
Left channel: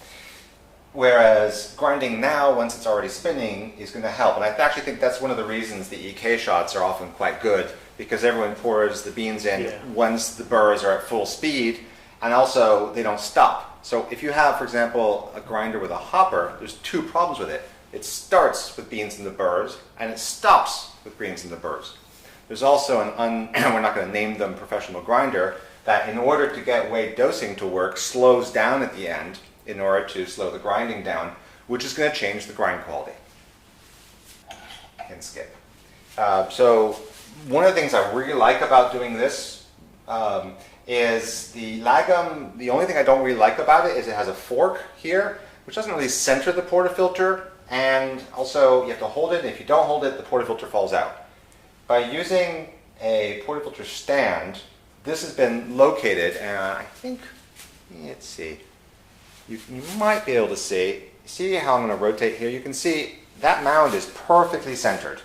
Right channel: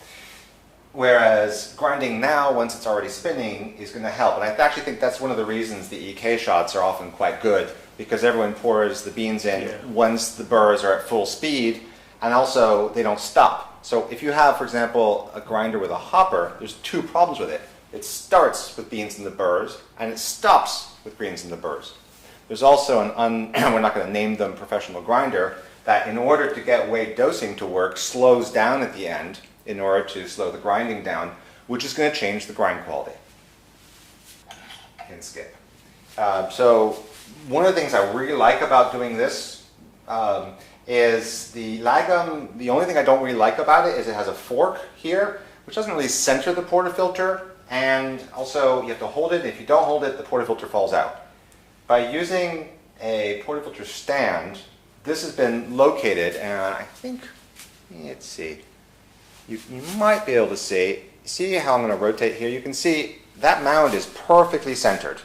Whereas grinding now, once it's already spinning, is going to help. And I actually think that's one of the reasons the EK shots are often quite good, because everyone pours the beans in once the burrs are at full speed, and also they don't stop. So if you have, for example, a grinder with a hopper, there's two problems with it. It starts with beans in the burrs, and it stops with beans in the burrs. There's also we're not going to name them, professional grinder, that in order to get weight dosing to work, slows down at the end in order to slow the grinding down, which is going to change the grind quality. And skip. So one of the things I really like about doing this is the lagom. The only thing I don't really like about it is it has a fork here, which doesn't really center the portafilter, and also you have to hold it, and if you don't hold it, the portafilter falls out. By using a portafilter stand, this has been located, and I think, let's see, you might be able to see how I'm going to rotate here. You can see that mound is perfectly centered.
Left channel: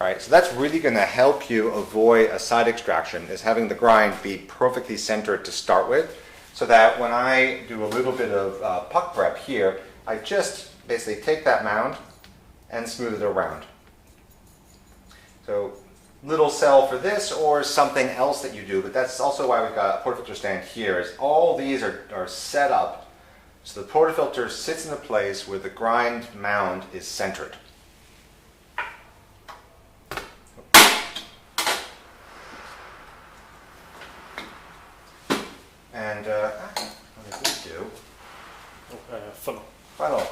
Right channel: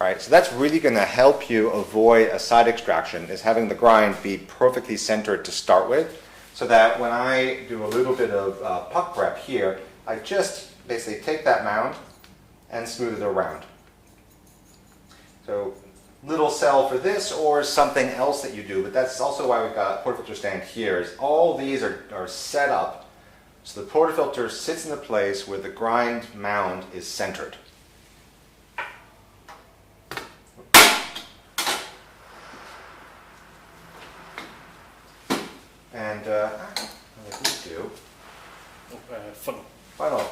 Right, so that's really going to help you avoid a side extraction, is having the grind be perfectly centered to start with, so that when I do a little bit of puck prep here, I just basically take that mound and smooth it around. So little cell for this or something else that you do, but that's also why we've got a portafilter stand here, is all these are set up so the portafilter sits in the place where the grind mound is centered. And what did we do? Funnel.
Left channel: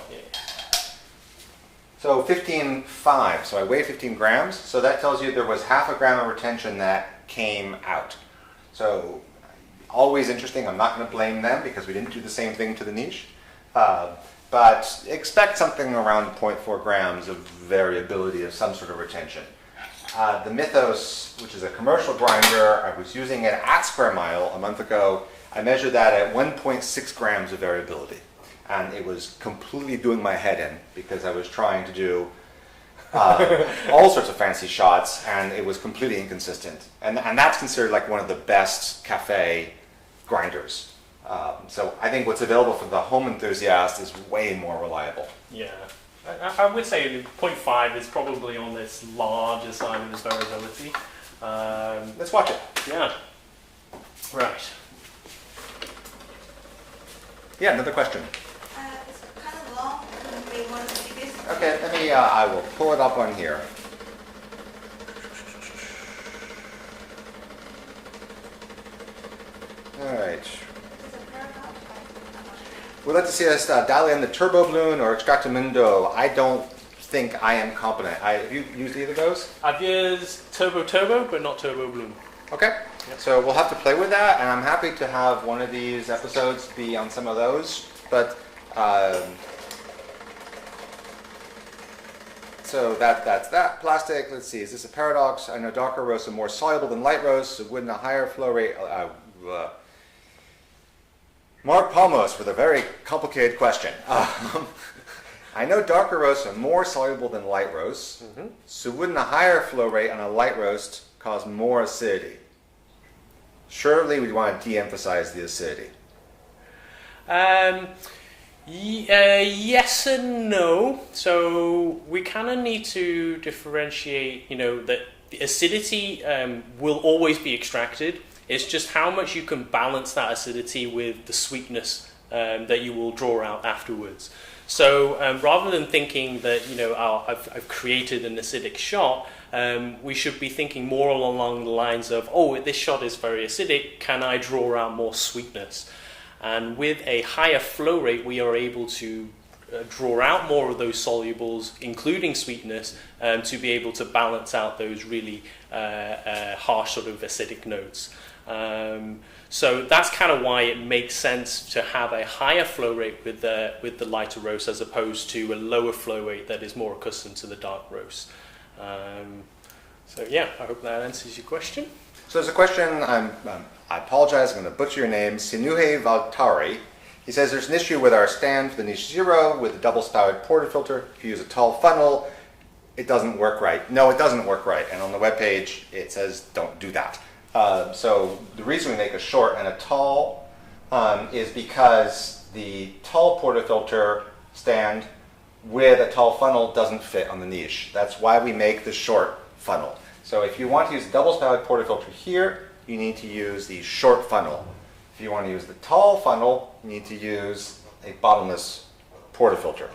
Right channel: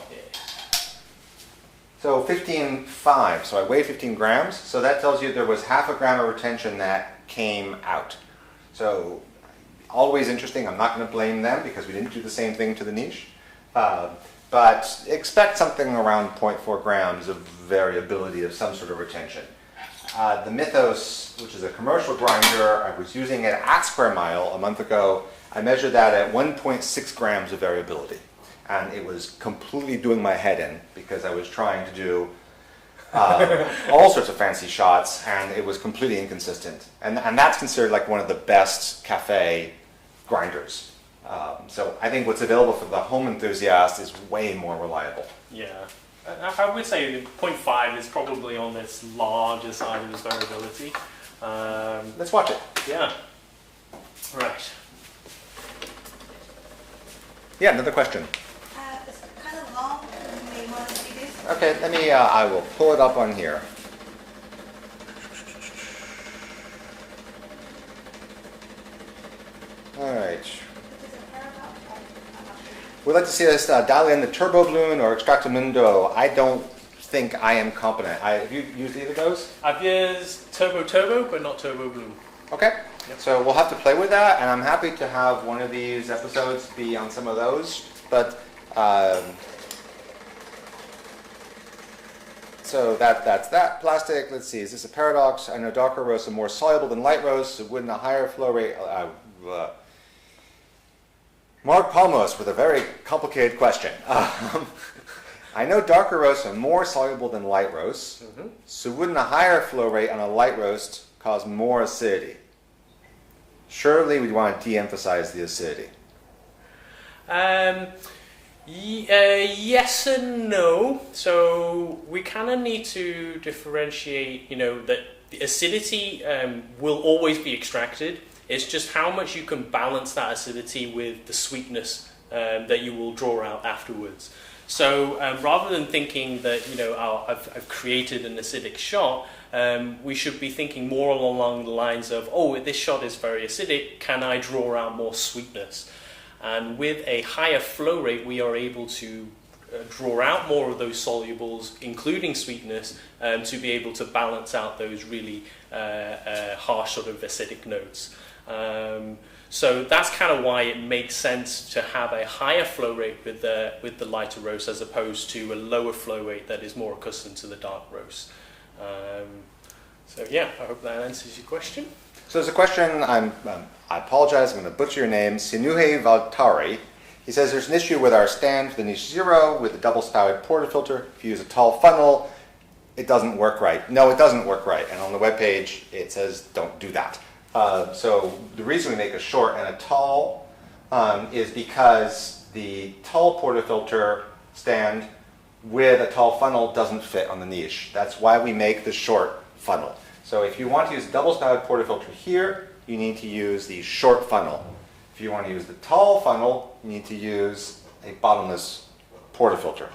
So 15.5, so I weigh 15 grams, so that tells you there was half a gram of retention that came out. So always interesting, I'm not going to blame them because we didn't do the same thing to the niche, but expect something around 0.4 grams of variability of some sort of retention. The Mythos, which is a commercial grinder, I was using it at Square Mile a month ago. I measured that at 1.6 grams of variability. And it was completely doing my head in because I was trying to do all sorts of fancy shots, and it was completely inconsistent. And that's considered like one of the best cafe grinders. So I think what's available for the home enthusiast is way more reliable. Yeah. I would say 0.5 is probably on this larger side of the variability. Let's watch it. Yeah. Right. Yeah, another question. It's kind of long. You may want to see this. Okay, let me, I will pull it up on here. All right. We'd like to see us dial in the turbo balloon or extractamundo. I don't think I am competent. Have you used either of those? I've used turbo, but not turbo bloom. Okay, so we'll have to play with that, and I'm happy to have one of these episodes be on some of those. But so that's that plastic. Let's see, is this a paradox? I know darker roasts are more soluble than light roasts, so wouldn't a higher flow rate? Mark Palmos with a very complicated question. I know darker roasts are more soluble than light roasts, so wouldn't a higher flow rate on a light roast cause more acidity? Surely we'd want to de-emphasize the acidity. Yes and no. So we kind of need to differentiate, that the acidity will always be extracted. It's just how much you can balance that acidity with the sweetness that you will draw out afterwards. So rather than thinking that, I've created an acidic shot, we should be thinking more along the lines of, this shot is very acidic, can I draw out more sweetness? And with a higher flow rate, we are able to draw out more of those solubles, including sweetness, to be able to balance out those really harsh sort of acidic notes. So that's kind of why it makes sense to have a higher flow rate with the lighter roast as opposed to a lower flow rate that is more accustomed to the dark roast. So yeah, I hope that answers your question. So there's a question, I apologize, I'm going to butcher your name, Sinuhe Valtari. He says there's an issue with our stand for the Niche Zero with a double-spouted portafilter. If you use a tall funnel, it doesn't work right. No, it doesn't work right. And on the webpage, it says don't do that. So the reason we make a short and a tall is because the tall portafilter stand with a tall funnel doesn't fit on the niche. That's why we make the short funnel. So if you want to use a double-spouted portafilter here, you need to use the short funnel. If you want to use the tall funnel, you need to use a bottomless portafilter.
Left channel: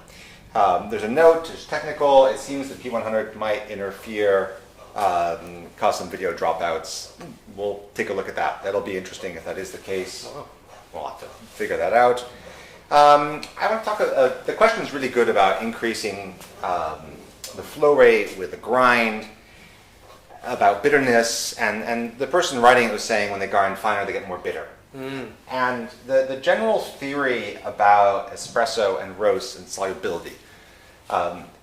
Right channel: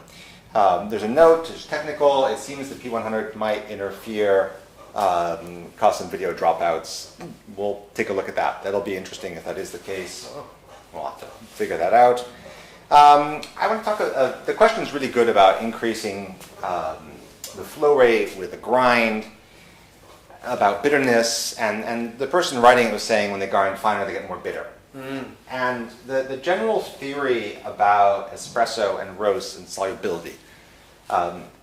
There's a note, it's technical. It seems that P100 might interfere, cause some video dropouts. We'll take a look at that. That'll be interesting if that is the case. We'll have to figure that out. I want to talk. The question is really good about increasing the flow rate with the grind, about bitterness, and the person writing it was saying when they grind finer, they get more bitter. And the general theory about espresso and roast and solubility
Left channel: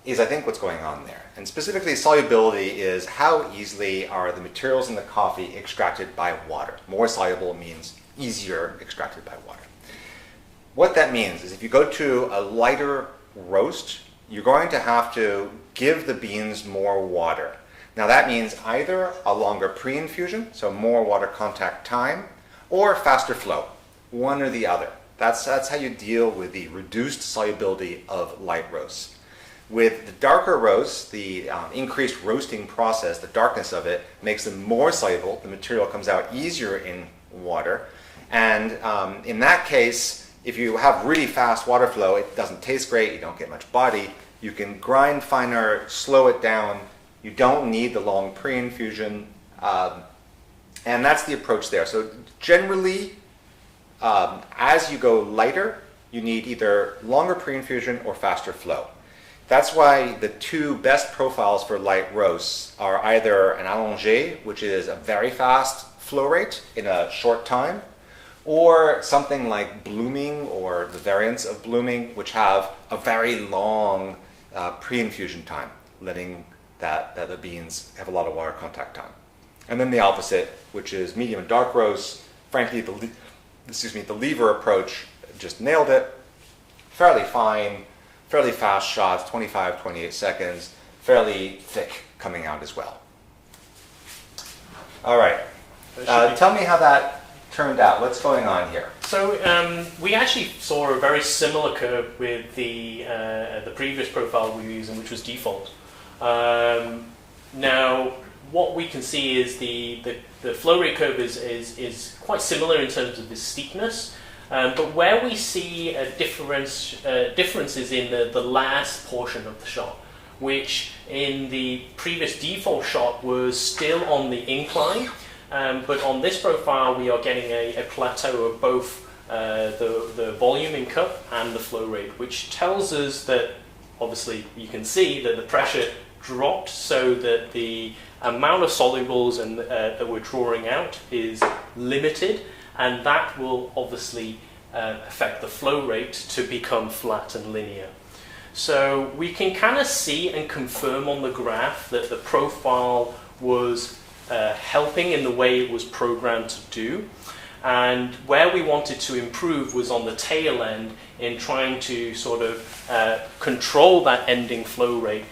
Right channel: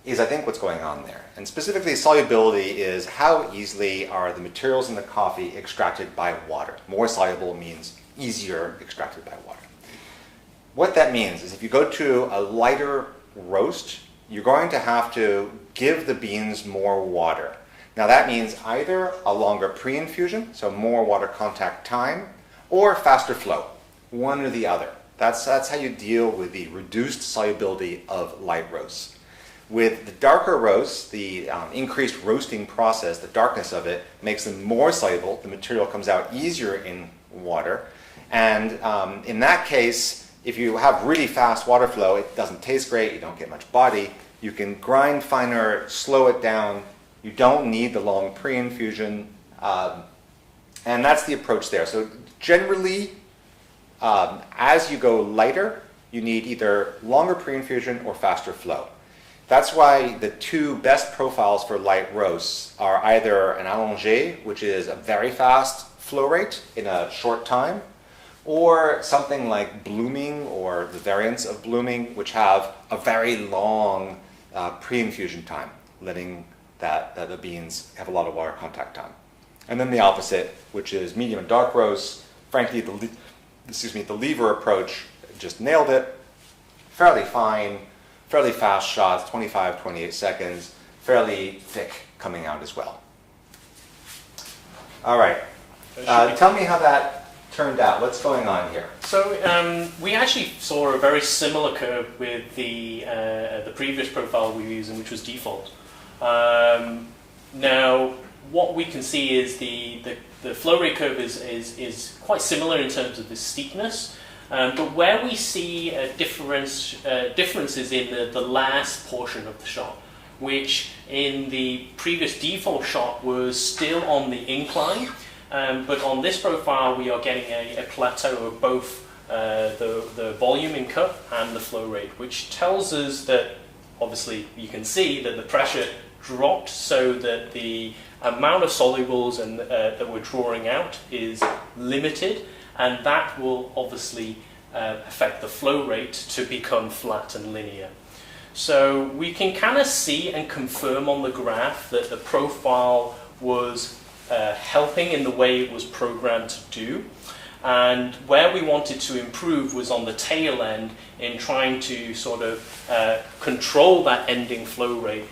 is, I think, what's going on there. And specifically, solubility is how easily are the materials in the coffee extracted by water. More soluble means easier extracted by water. What that means is if you go to a lighter roast, you're going to have to give the beans more water. Now that means either a longer pre-infusion, so more water contact time, or faster flow. one or the other. That's how you deal with the reduced solubility of light roasts. With the darker roasts, the increased roasting process, the darkness of it, makes them more soluble. The material comes out easier in water. And in that case, if you have really fast water flow, it doesn't taste great, you don't get much body. You can grind finer, slow it down. You don't need the long pre-infusion. And that's the approach there. So generally, as you go lighter, you need either longer pre-infusion or faster flow. That's why the two best profiles for light roasts are either an allongé, which is a very fast flow rate in a short time, or something like blooming or the variants of blooming, which have a very long pre-infusion time, letting the beans have a lot of water contact time. And then the opposite, which is medium and dark roasts. Frankly, the lever approach just nailed it. Fairly fine, fairly fast shots, 25, 28 seconds, fairly thick coming out as well. All right. Tell me how that turned out. What's going on here? So we actually saw a very similar curve with the previous profile we were using, which was default. Now, what we can see is the flow rate curve is quite similar in terms of the steepness, but where we see differences in the last portion of the shot, which in the previous default shot was still on the incline, but on this profile we are getting a plateau of both the volume in cup and the flow rate, which tells us that obviously you can see that the pressure dropped so that the amount of solubles and that we're drawing out is limited, and that will obviously affect the flow rate to become flat and linear. So we can kind of see and confirm on the graph that the profile was helping in the way it was programmed to do, and where we wanted to improve was on the tail end in trying to sort of control that ending flow rate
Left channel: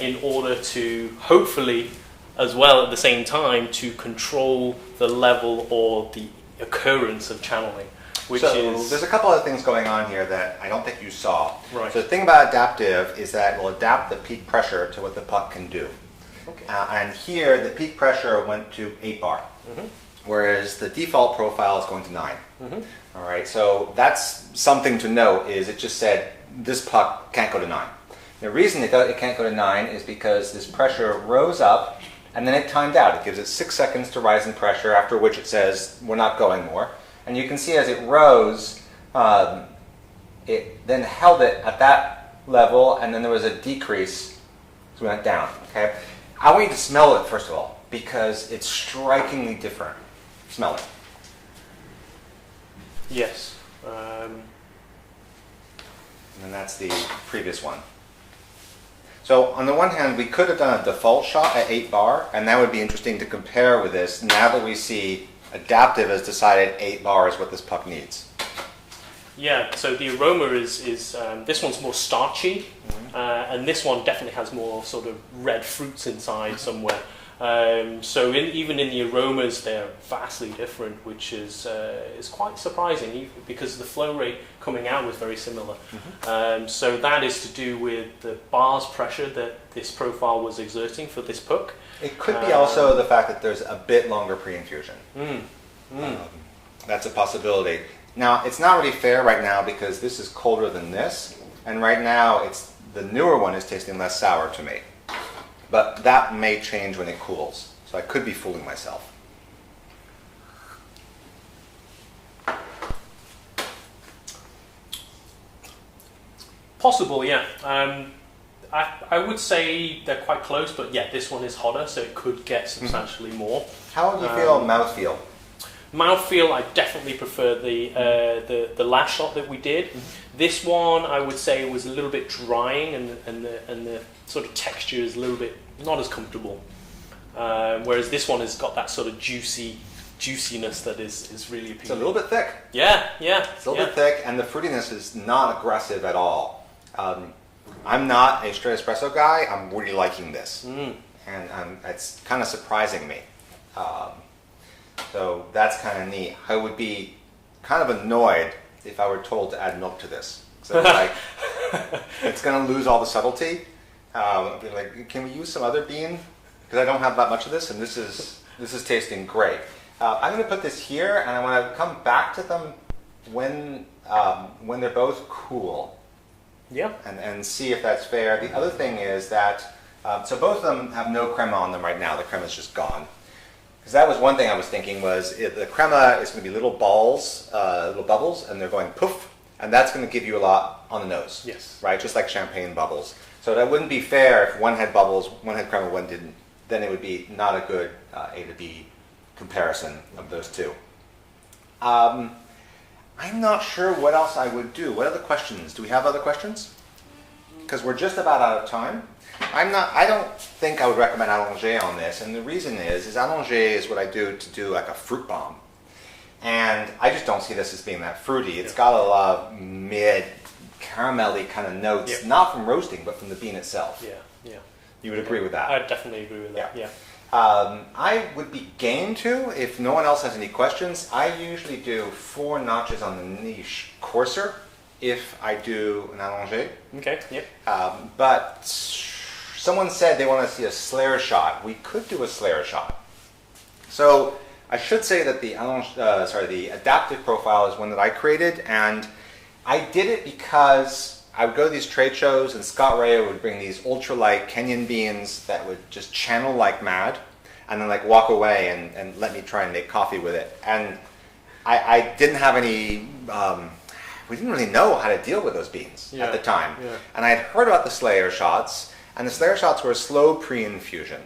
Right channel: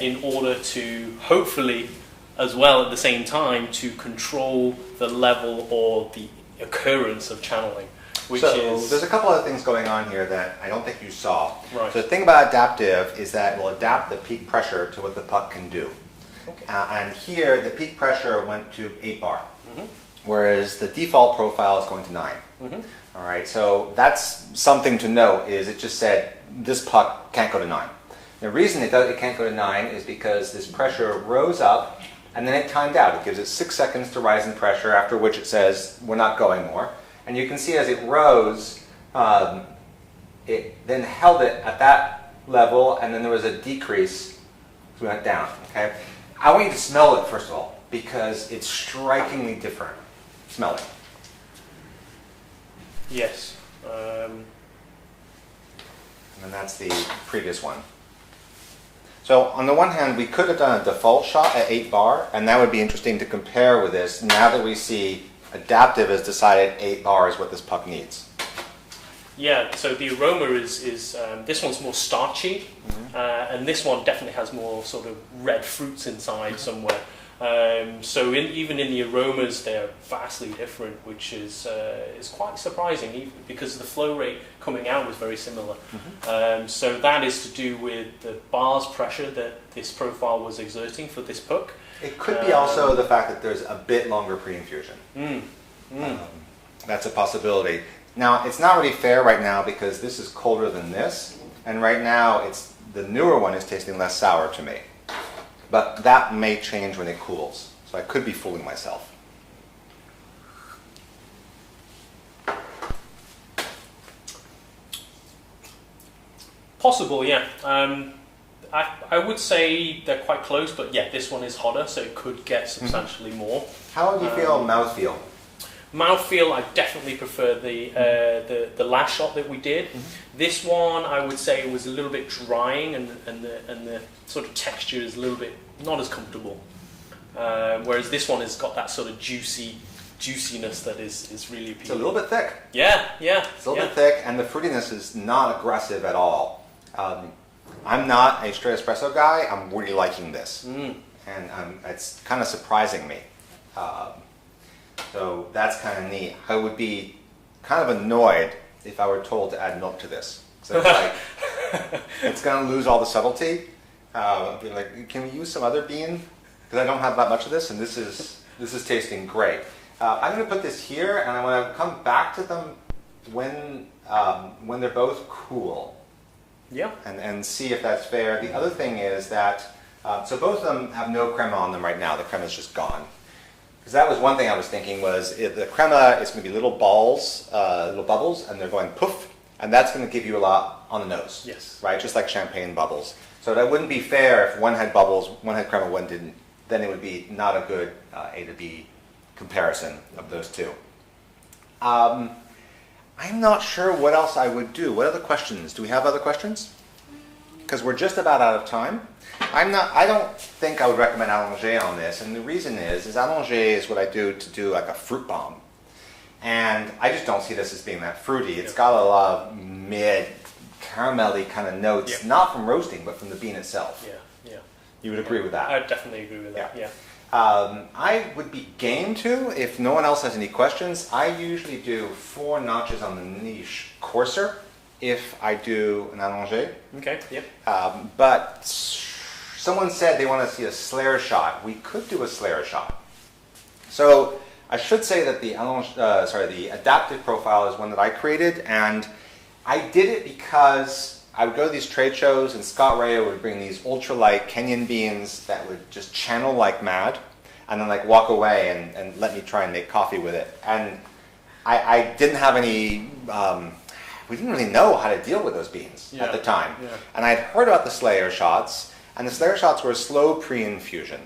in order to hopefully as well at the same time to control the level or the occurrence of channeling. There's a couple of things going on here that I don't think you saw. Right. So the thing about adaptive is that it will adapt the peak pressure to what the puck can do. Okay. And here the peak pressure went to 8 bar, Mm-hmm. whereas the default profile is going to 9. Mm-hmm. All right, so that's something to note, is it just said this puck can't go to 9. The reason it can't go to 9 is because this pressure rose up and then it timed out. It gives it 6 seconds to rise in pressure, after which it says we're not going more. And you can see as it rose, it then held it at that level, and then there was a decrease, so we went down. Okay, I want you to smell it first of all, because it's strikingly different. Smell it. Yes. And that's the previous one. So on the one hand, we could have done a default shot at 8 bar, and that would be interesting to compare with this now that we see adaptive has decided 8 bar is what this puck needs. Yeah, so the aroma is this one's more starchy, and this one definitely has more sort of red fruits inside somewhere. So even in the aromas, they're vastly different, which is quite surprising because the flow rate coming out was very similar. Mm-hmm. So that is to do with the bar's pressure that this profile was exerting for this puck. It could be also the fact that there's a bit longer pre-infusion. That's a possibility. Now, it's not really fair right now because this is colder than this, and right now the newer one is tasting less sour to me. But that may change when it cools, so I could be fooling myself. Possible, yeah. I would say they're quite close, but yeah, this one is hotter, so it could get substantially more. How do you feel mouthfeel? Mouthfeel, I definitely prefer the last shot that we did. This one, I would say, was a little bit drying, and the sort of texture is a little bit not as comfortable. Whereas this one has got that sort of juiciness that is really appealing. It's a little bit thick. Yeah. It's a little bit thick, and the fruitiness is not aggressive at all. I'm not a straight espresso guy. I'm really liking this, and it's kind of surprising me. So that's kind of neat. I would be kind of annoyed if I were told to add milk to this. So it's like, it's going to lose all the subtlety. I'd be like, can we use some other bean? Because I don't have that much of this, and this is tasting great. I'm going to put this here, and I want to come back to them when they're both cool. Yeah. And see if that's fair. The other thing is that, so both of them have no crema on them right now. The crema's just gone. Because that was one thing I was thinking was the crema is going to be little balls, little bubbles, and they're going poof, and that's going to give you a lot on the nose. Yes. Right? Just like champagne bubbles. So that wouldn't be fair if one had bubbles, one had crema, one didn't. Then it would be not a good A to B comparison of those two. I'm not sure what else I would do. What other questions? Do we have other questions? Because we're just about out of time. I don't think I would recommend allongé on this, and the reason is allongé is what I do to do like a fruit bomb. And I just don't see this as being that fruity. It's got a lot of mid caramelly kind of notes, not from roasting, but from the bean itself. Yeah, yeah. You would agree with that? I definitely agree with that, yeah. I would be game to, if no one else has any questions, I usually do 4 notches on the niche coarser if I do an allongé. Okay, yeah. But someone said they want to see a Slayer shot. We could do a Slayer shot. So I should say that the adaptive profile is one that I created, and I did it because I would go to these trade shows, and Scott Ray would bring these ultralight Kenyan beans that would just channel like mad, and then like walk away and let me try and make coffee with it. And I didn't have any, we didn't really know how to deal with those beans at the time. Yeah. And I had heard about the Slayer shots, and the Slayer shots were a slow pre-infusion.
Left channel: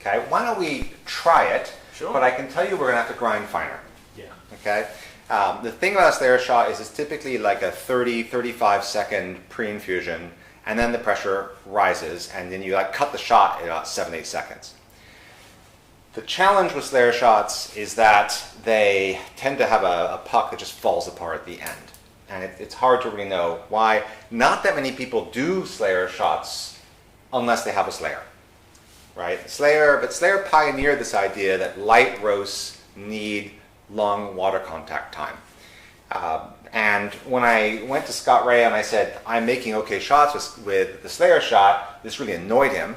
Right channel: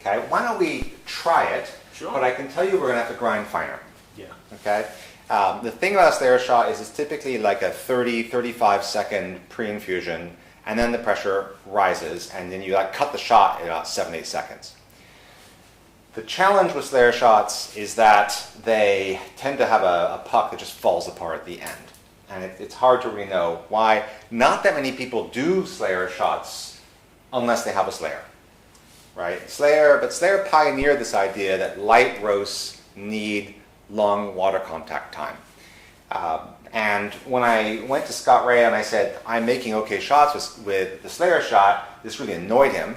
Okay, why don't we try it? Sure. But I can tell you we're going to have to grind finer. Yeah. Okay. The thing about a Slayer shot is it's typically like a 30-35 second pre-infusion, and then the pressure rises, and then you like cut the shot in about 7-8 seconds. The challenge with Slayer shots is that they tend to have a puck that just falls apart at the end, and it's hard to really know why. Not that many people do Slayer shots unless they have a Slayer, right? But Slayer pioneered this idea that light roasts need long water contact time. And when I went to Scott Ray and I said, I'm making okay shots with the Slayer shot, this really annoyed him.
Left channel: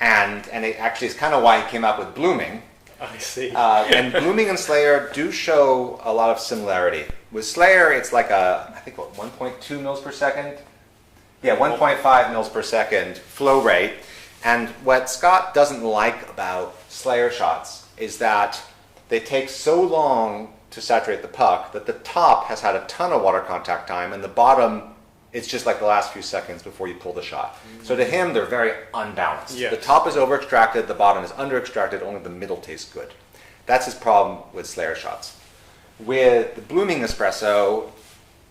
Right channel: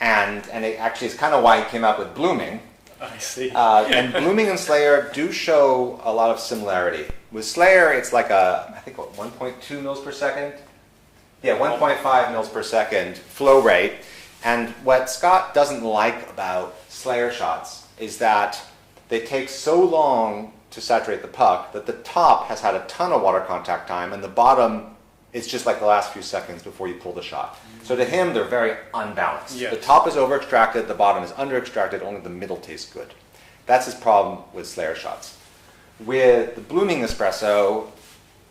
And it actually is kind of why he came up with blooming. I see. And blooming and Slayer do show a lot of similarity. With Slayer, it's like I think 1.2 mils per second? Yeah, 1.5 mils per second flow rate. And what Scott doesn't like about Slayer shots is that they take so long to saturate the puck that the top has had a ton of water contact time, and the bottom, it's just like the last few seconds before you pull the shot. So to him, they're very unbalanced. Yeah. The top is over-extracted, the bottom is under-extracted, only the middle tastes good. That's his problem with Slayer shots. With the blooming espresso,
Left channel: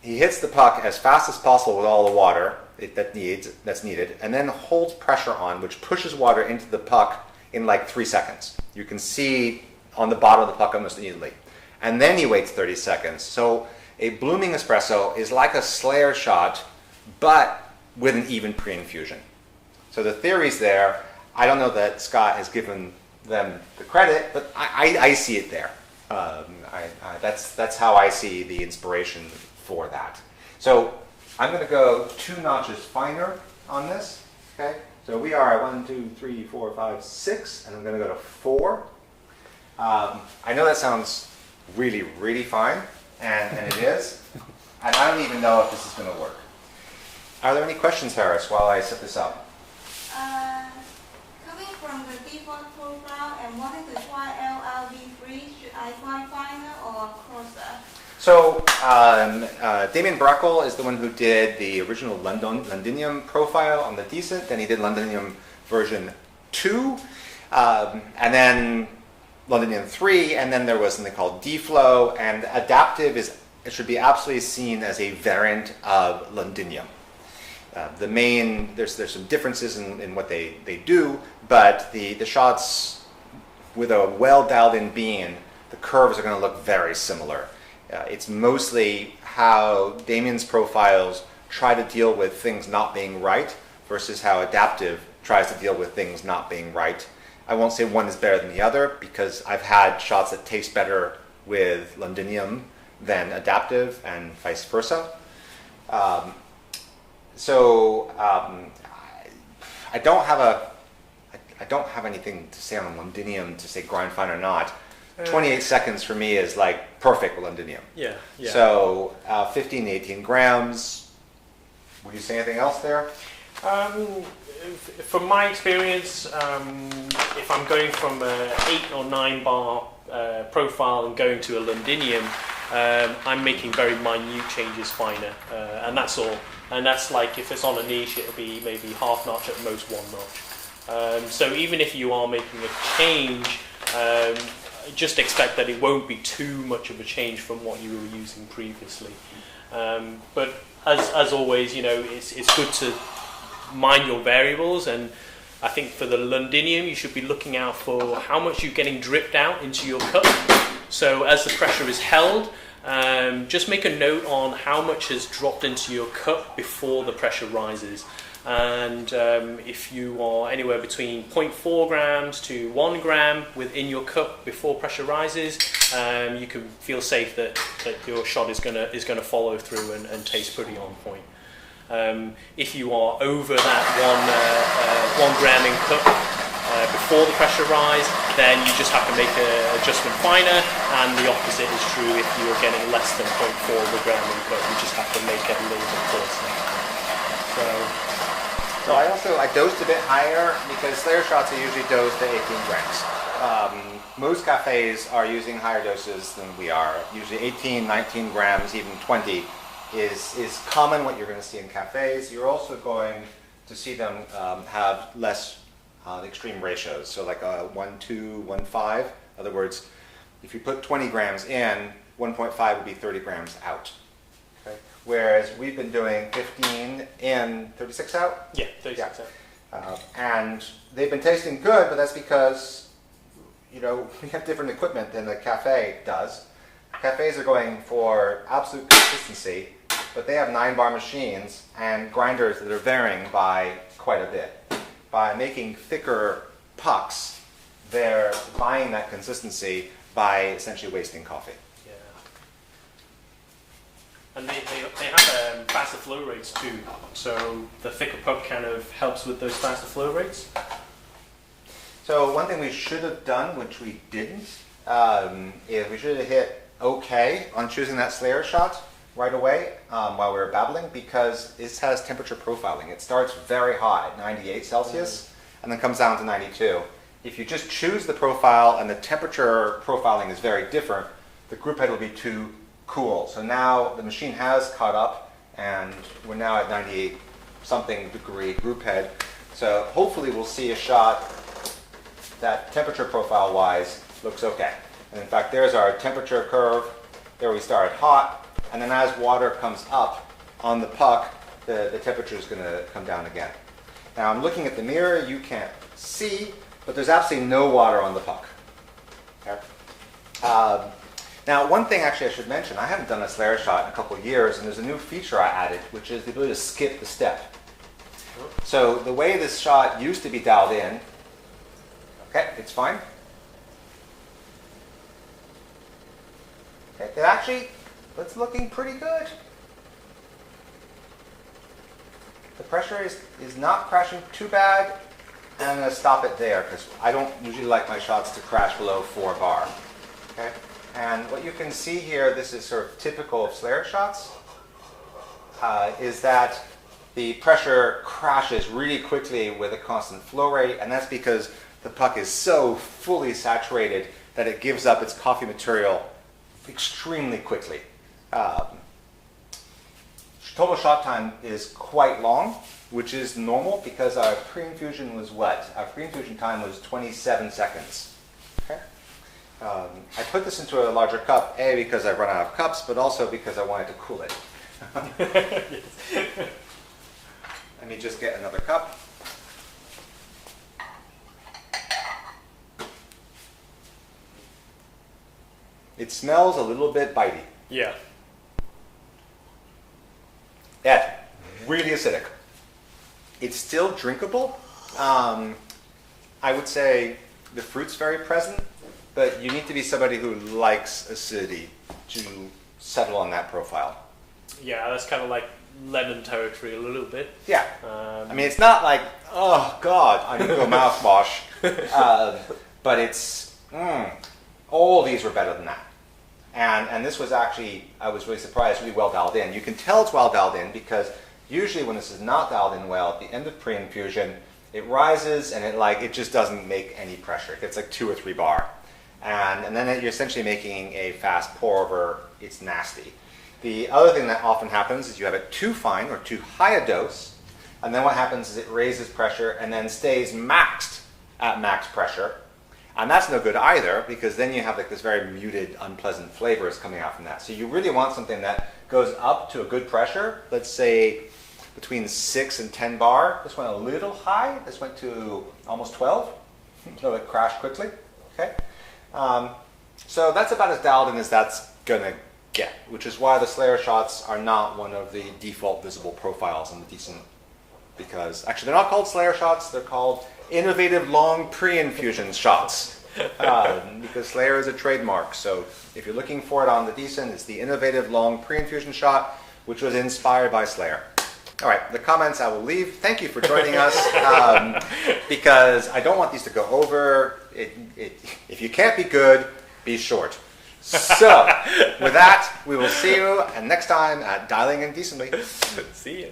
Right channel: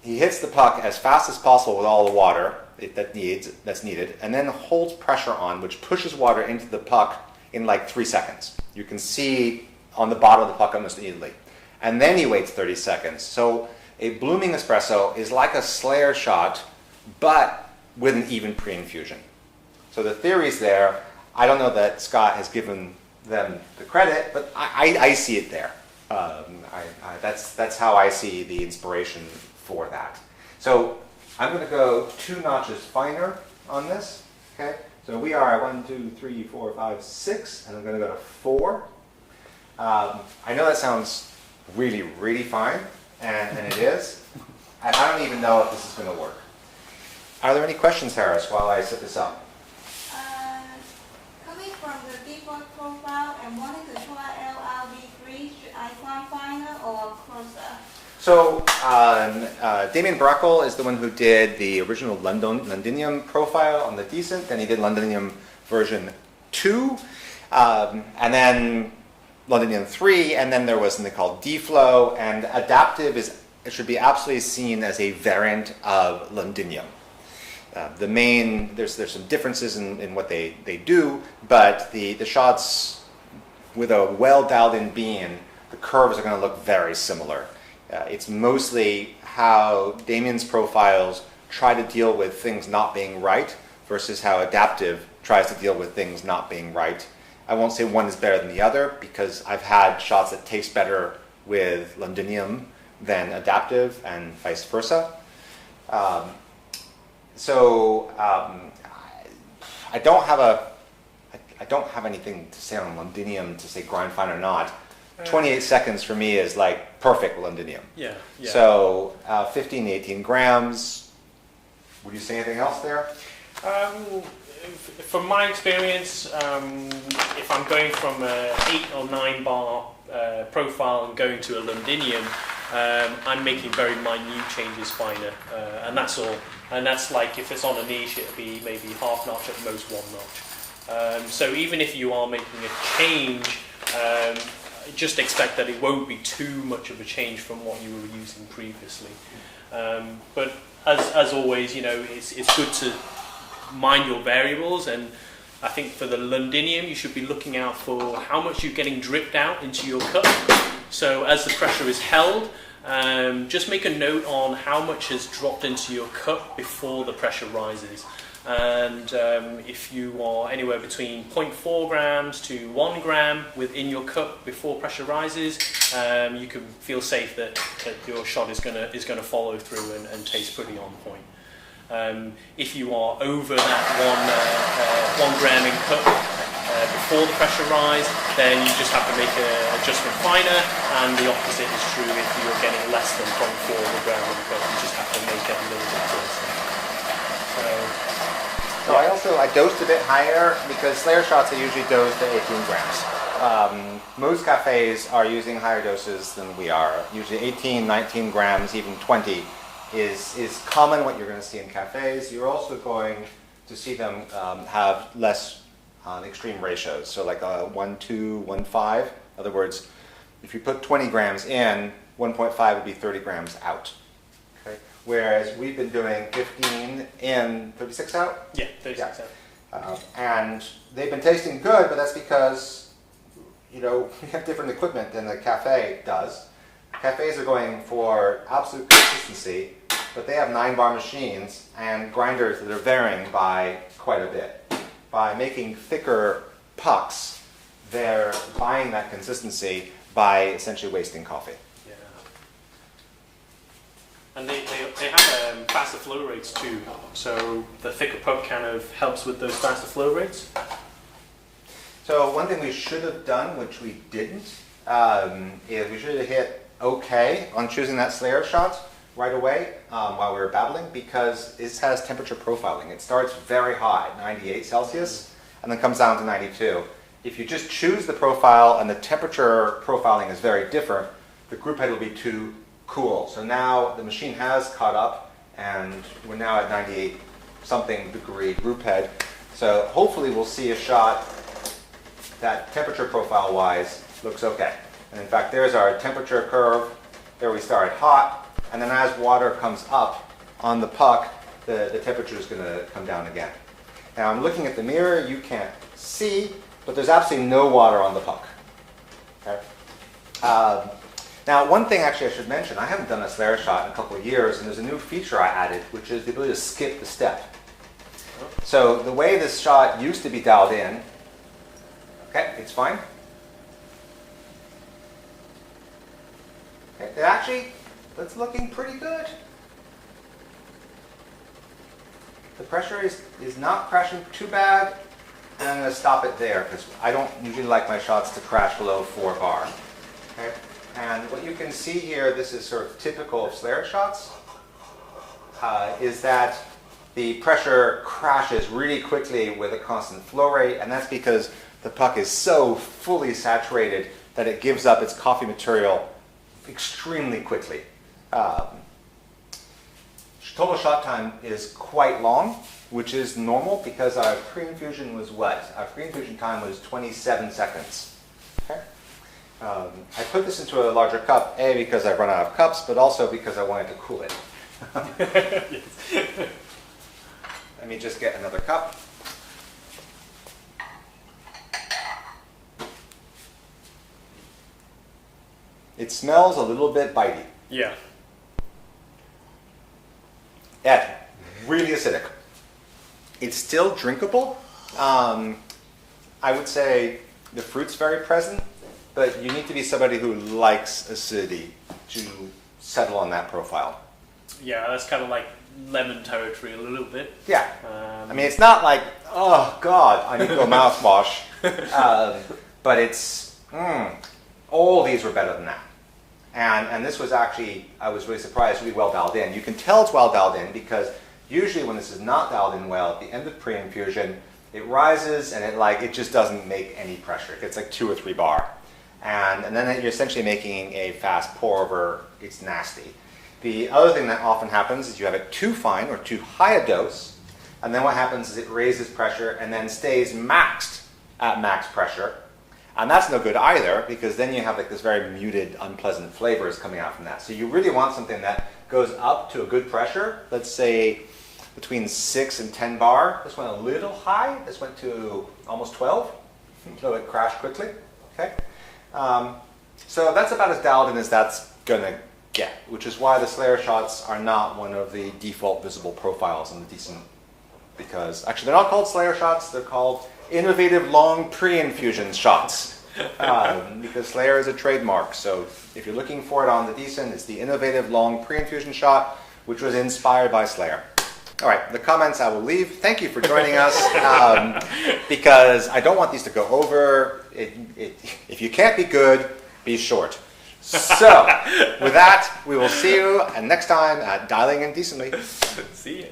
he hits the puck as fast as possible with all the water that's needed, and then holds pressure on, which pushes water into the puck in like 3 seconds. You can see on the bottom of the puck almost immediately. And then he waits 30 seconds. So a blooming espresso is like a Slayer shot, but with an even pre-infusion. So the theory's there. I don't know that Scott has given them the credit, but I see it there. That's how I see the inspiration for that. So I'm going to go 2 notches finer on this. Okay. So we are 1, 2, 3, 4, 5, 6, and I'm going to go to 4. I know that sounds really, really fine, and it is. And I don't even know if this is going to work. Are there any questions, Harris, while I set this up? Coming from the default profile and wanting to try LRV3, should I find finer or coarser? So Damien Brackel is the one who did the original Londinium profile on the Decent. Then he did Londinium version 2, and then Londinium 3, and then there was something called D-Flow, and adaptive should be absolutely seen as a variant of Londinium. There's some differences in what they do, but the shots with a well dialed in bean, the curves are going to look very similar. It's mostly how Damien's profiles try to deal with things not being right versus how adaptive tries to deal with things not being right. I won't say one is better than the other because I've had shots that taste better with Londinium than adaptive, and vice versa. I don't have anything to say on Londinium to say grind fine or not. 28 seconds for me is like perfect Londinium. Yeah. So 15 to 18 grams. Would you say anything else there? From my experience, if I'm going from an 8 or 9 bar profile and going to a Londinium, I'm making very minute changes finer, and that's all. And that's like, if it's on a niche, it'll be maybe half notch, at most 1 notch. So even if you are making a change, just expect that it won't be too much of a change from what you were using previously. But as always, it's good to mind your variables, and I think for the Londinium you should be looking out for how much you're getting dripped out into your cup. So as the pressure is held, just make a note on how much has dropped into your cup before the pressure rises. And if you are anywhere between 0.4 grams to 1 gram within your cup before pressure rises, you can feel safe that your shot is going to follow through and taste pretty on point. If you are over that 1 gram in cup before the pressure rise, then you just have to make an adjustment finer, and the opposite is true if you're getting less than 0.4 of a gram in cup. You just have to make it a little bit closer. So I dosed a bit higher because Slayer shots are usually dosed at 18 grams. Most cafes are using higher doses than we are. Usually 18, 19 grams, even 20 is common what you're going to see in cafes. You're also going to see them have less extreme ratios. So like a 1-2, 1-5. In other words, if you put 20 grams in, 1.5 would be 30 grams out. Whereas we've been doing 15 in, 36 out? Yeah, 36 out. And they've been tasting good, but that's because, we have different equipment than the cafe does. Cafes are going for absolute consistency, but they have 9-bar machines and grinders that are varying by quite a bit. By making thicker pucks, they're buying that consistency by essentially wasting coffee. And they have faster flow rates too, so the thicker puck kind of helps with those faster flow rates. So one thing we should have done, which we didn't, is we should have hit OK on choosing that Slayer shot right away while we were battling, because this has temperature profiling. It starts very high, 98 Celsius, and then comes down to 92. If you just choose the profile and the temperature profiling is very different, the group head will be too cool. So now the machine has caught up, and we're now at 98 something degree group head. So hopefully we'll see a shot that temperature profile wise looks okay. And in fact, there's our temperature curve. There we started hot, and then as water comes up on the puck, the temperature is going to come down again. Now I'm looking at the mirror. You can't see, but there's absolutely no water on the puck. Okay? Now, one thing actually I should mention, I haven't done a Slayer shot in a couple of years, and there's a new feature I added, which is the ability to skip the step. So the way this shot used to be dialed in, okay, it's fine. Okay, it's looking pretty good. The pressure is not crashing too bad, and I'm going to stop it there, because I don't usually like my shots to crash below 4 bar. Okay? And what you can see here, this is sort of typical of Slayer shots, is that the pressure crashes really quickly with a constant flow rate, and that's because the puck is so fully saturated that it gives up its coffee material extremely quickly. Total shot time is quite long, which is normal because our pre-infusion was what? Our pre-infusion time was 27 seconds. I put this into a larger cup, A, because I've run out of cups, but also because I wanted to cool it. Let me just get another cup. It smells a little bit bitey. Yeah. Yeah, really acidic. It's still drinkable. I would say the fruit's very present, but you need to be somebody who likes acidity to settle on that profile. Yeah, that's kind of like lemon territory a little bit. Yeah. I mean, it's not like, oh, God, unequal mouthwash. But it's, all these were better than that. And this was actually, I was really surprised, really well dialed in. You can tell it's well dialed in because usually when this is not dialed in well, at the end of pre-infusion, it rises and it just doesn't make any pressure. It gets like 2 or 3 bar. And then you're essentially making a fast pour over. It's nasty. The other thing that often happens is you have it too fine or too high a dose, and then what happens is it raises pressure and then stays maxed at max pressure. And that's no good either, because then you have like this very muted, unpleasant flavors coming out from that. So you really want something that goes up to a good pressure, let's say between 6 and 10 bar. This went a little high. This went to almost 12, so it crashed quickly. Okay, so that's about as dialed in as that's going to get, which is why the Slayer shots are not one of the default visible profiles in the decent, because actually they're not called Slayer shots, they're called innovative long pre-infusion shots, because Slayer is a trademark. So if you're looking for it on the decent, it's the innovative long pre-infusion shot, which was inspired by Slayer. All right, the comments I will leave. Thank you for joining us, because I don't want these to go over. If you can't be good, be short. So, with that, we will see you next time at Dialing In Decently. See ya.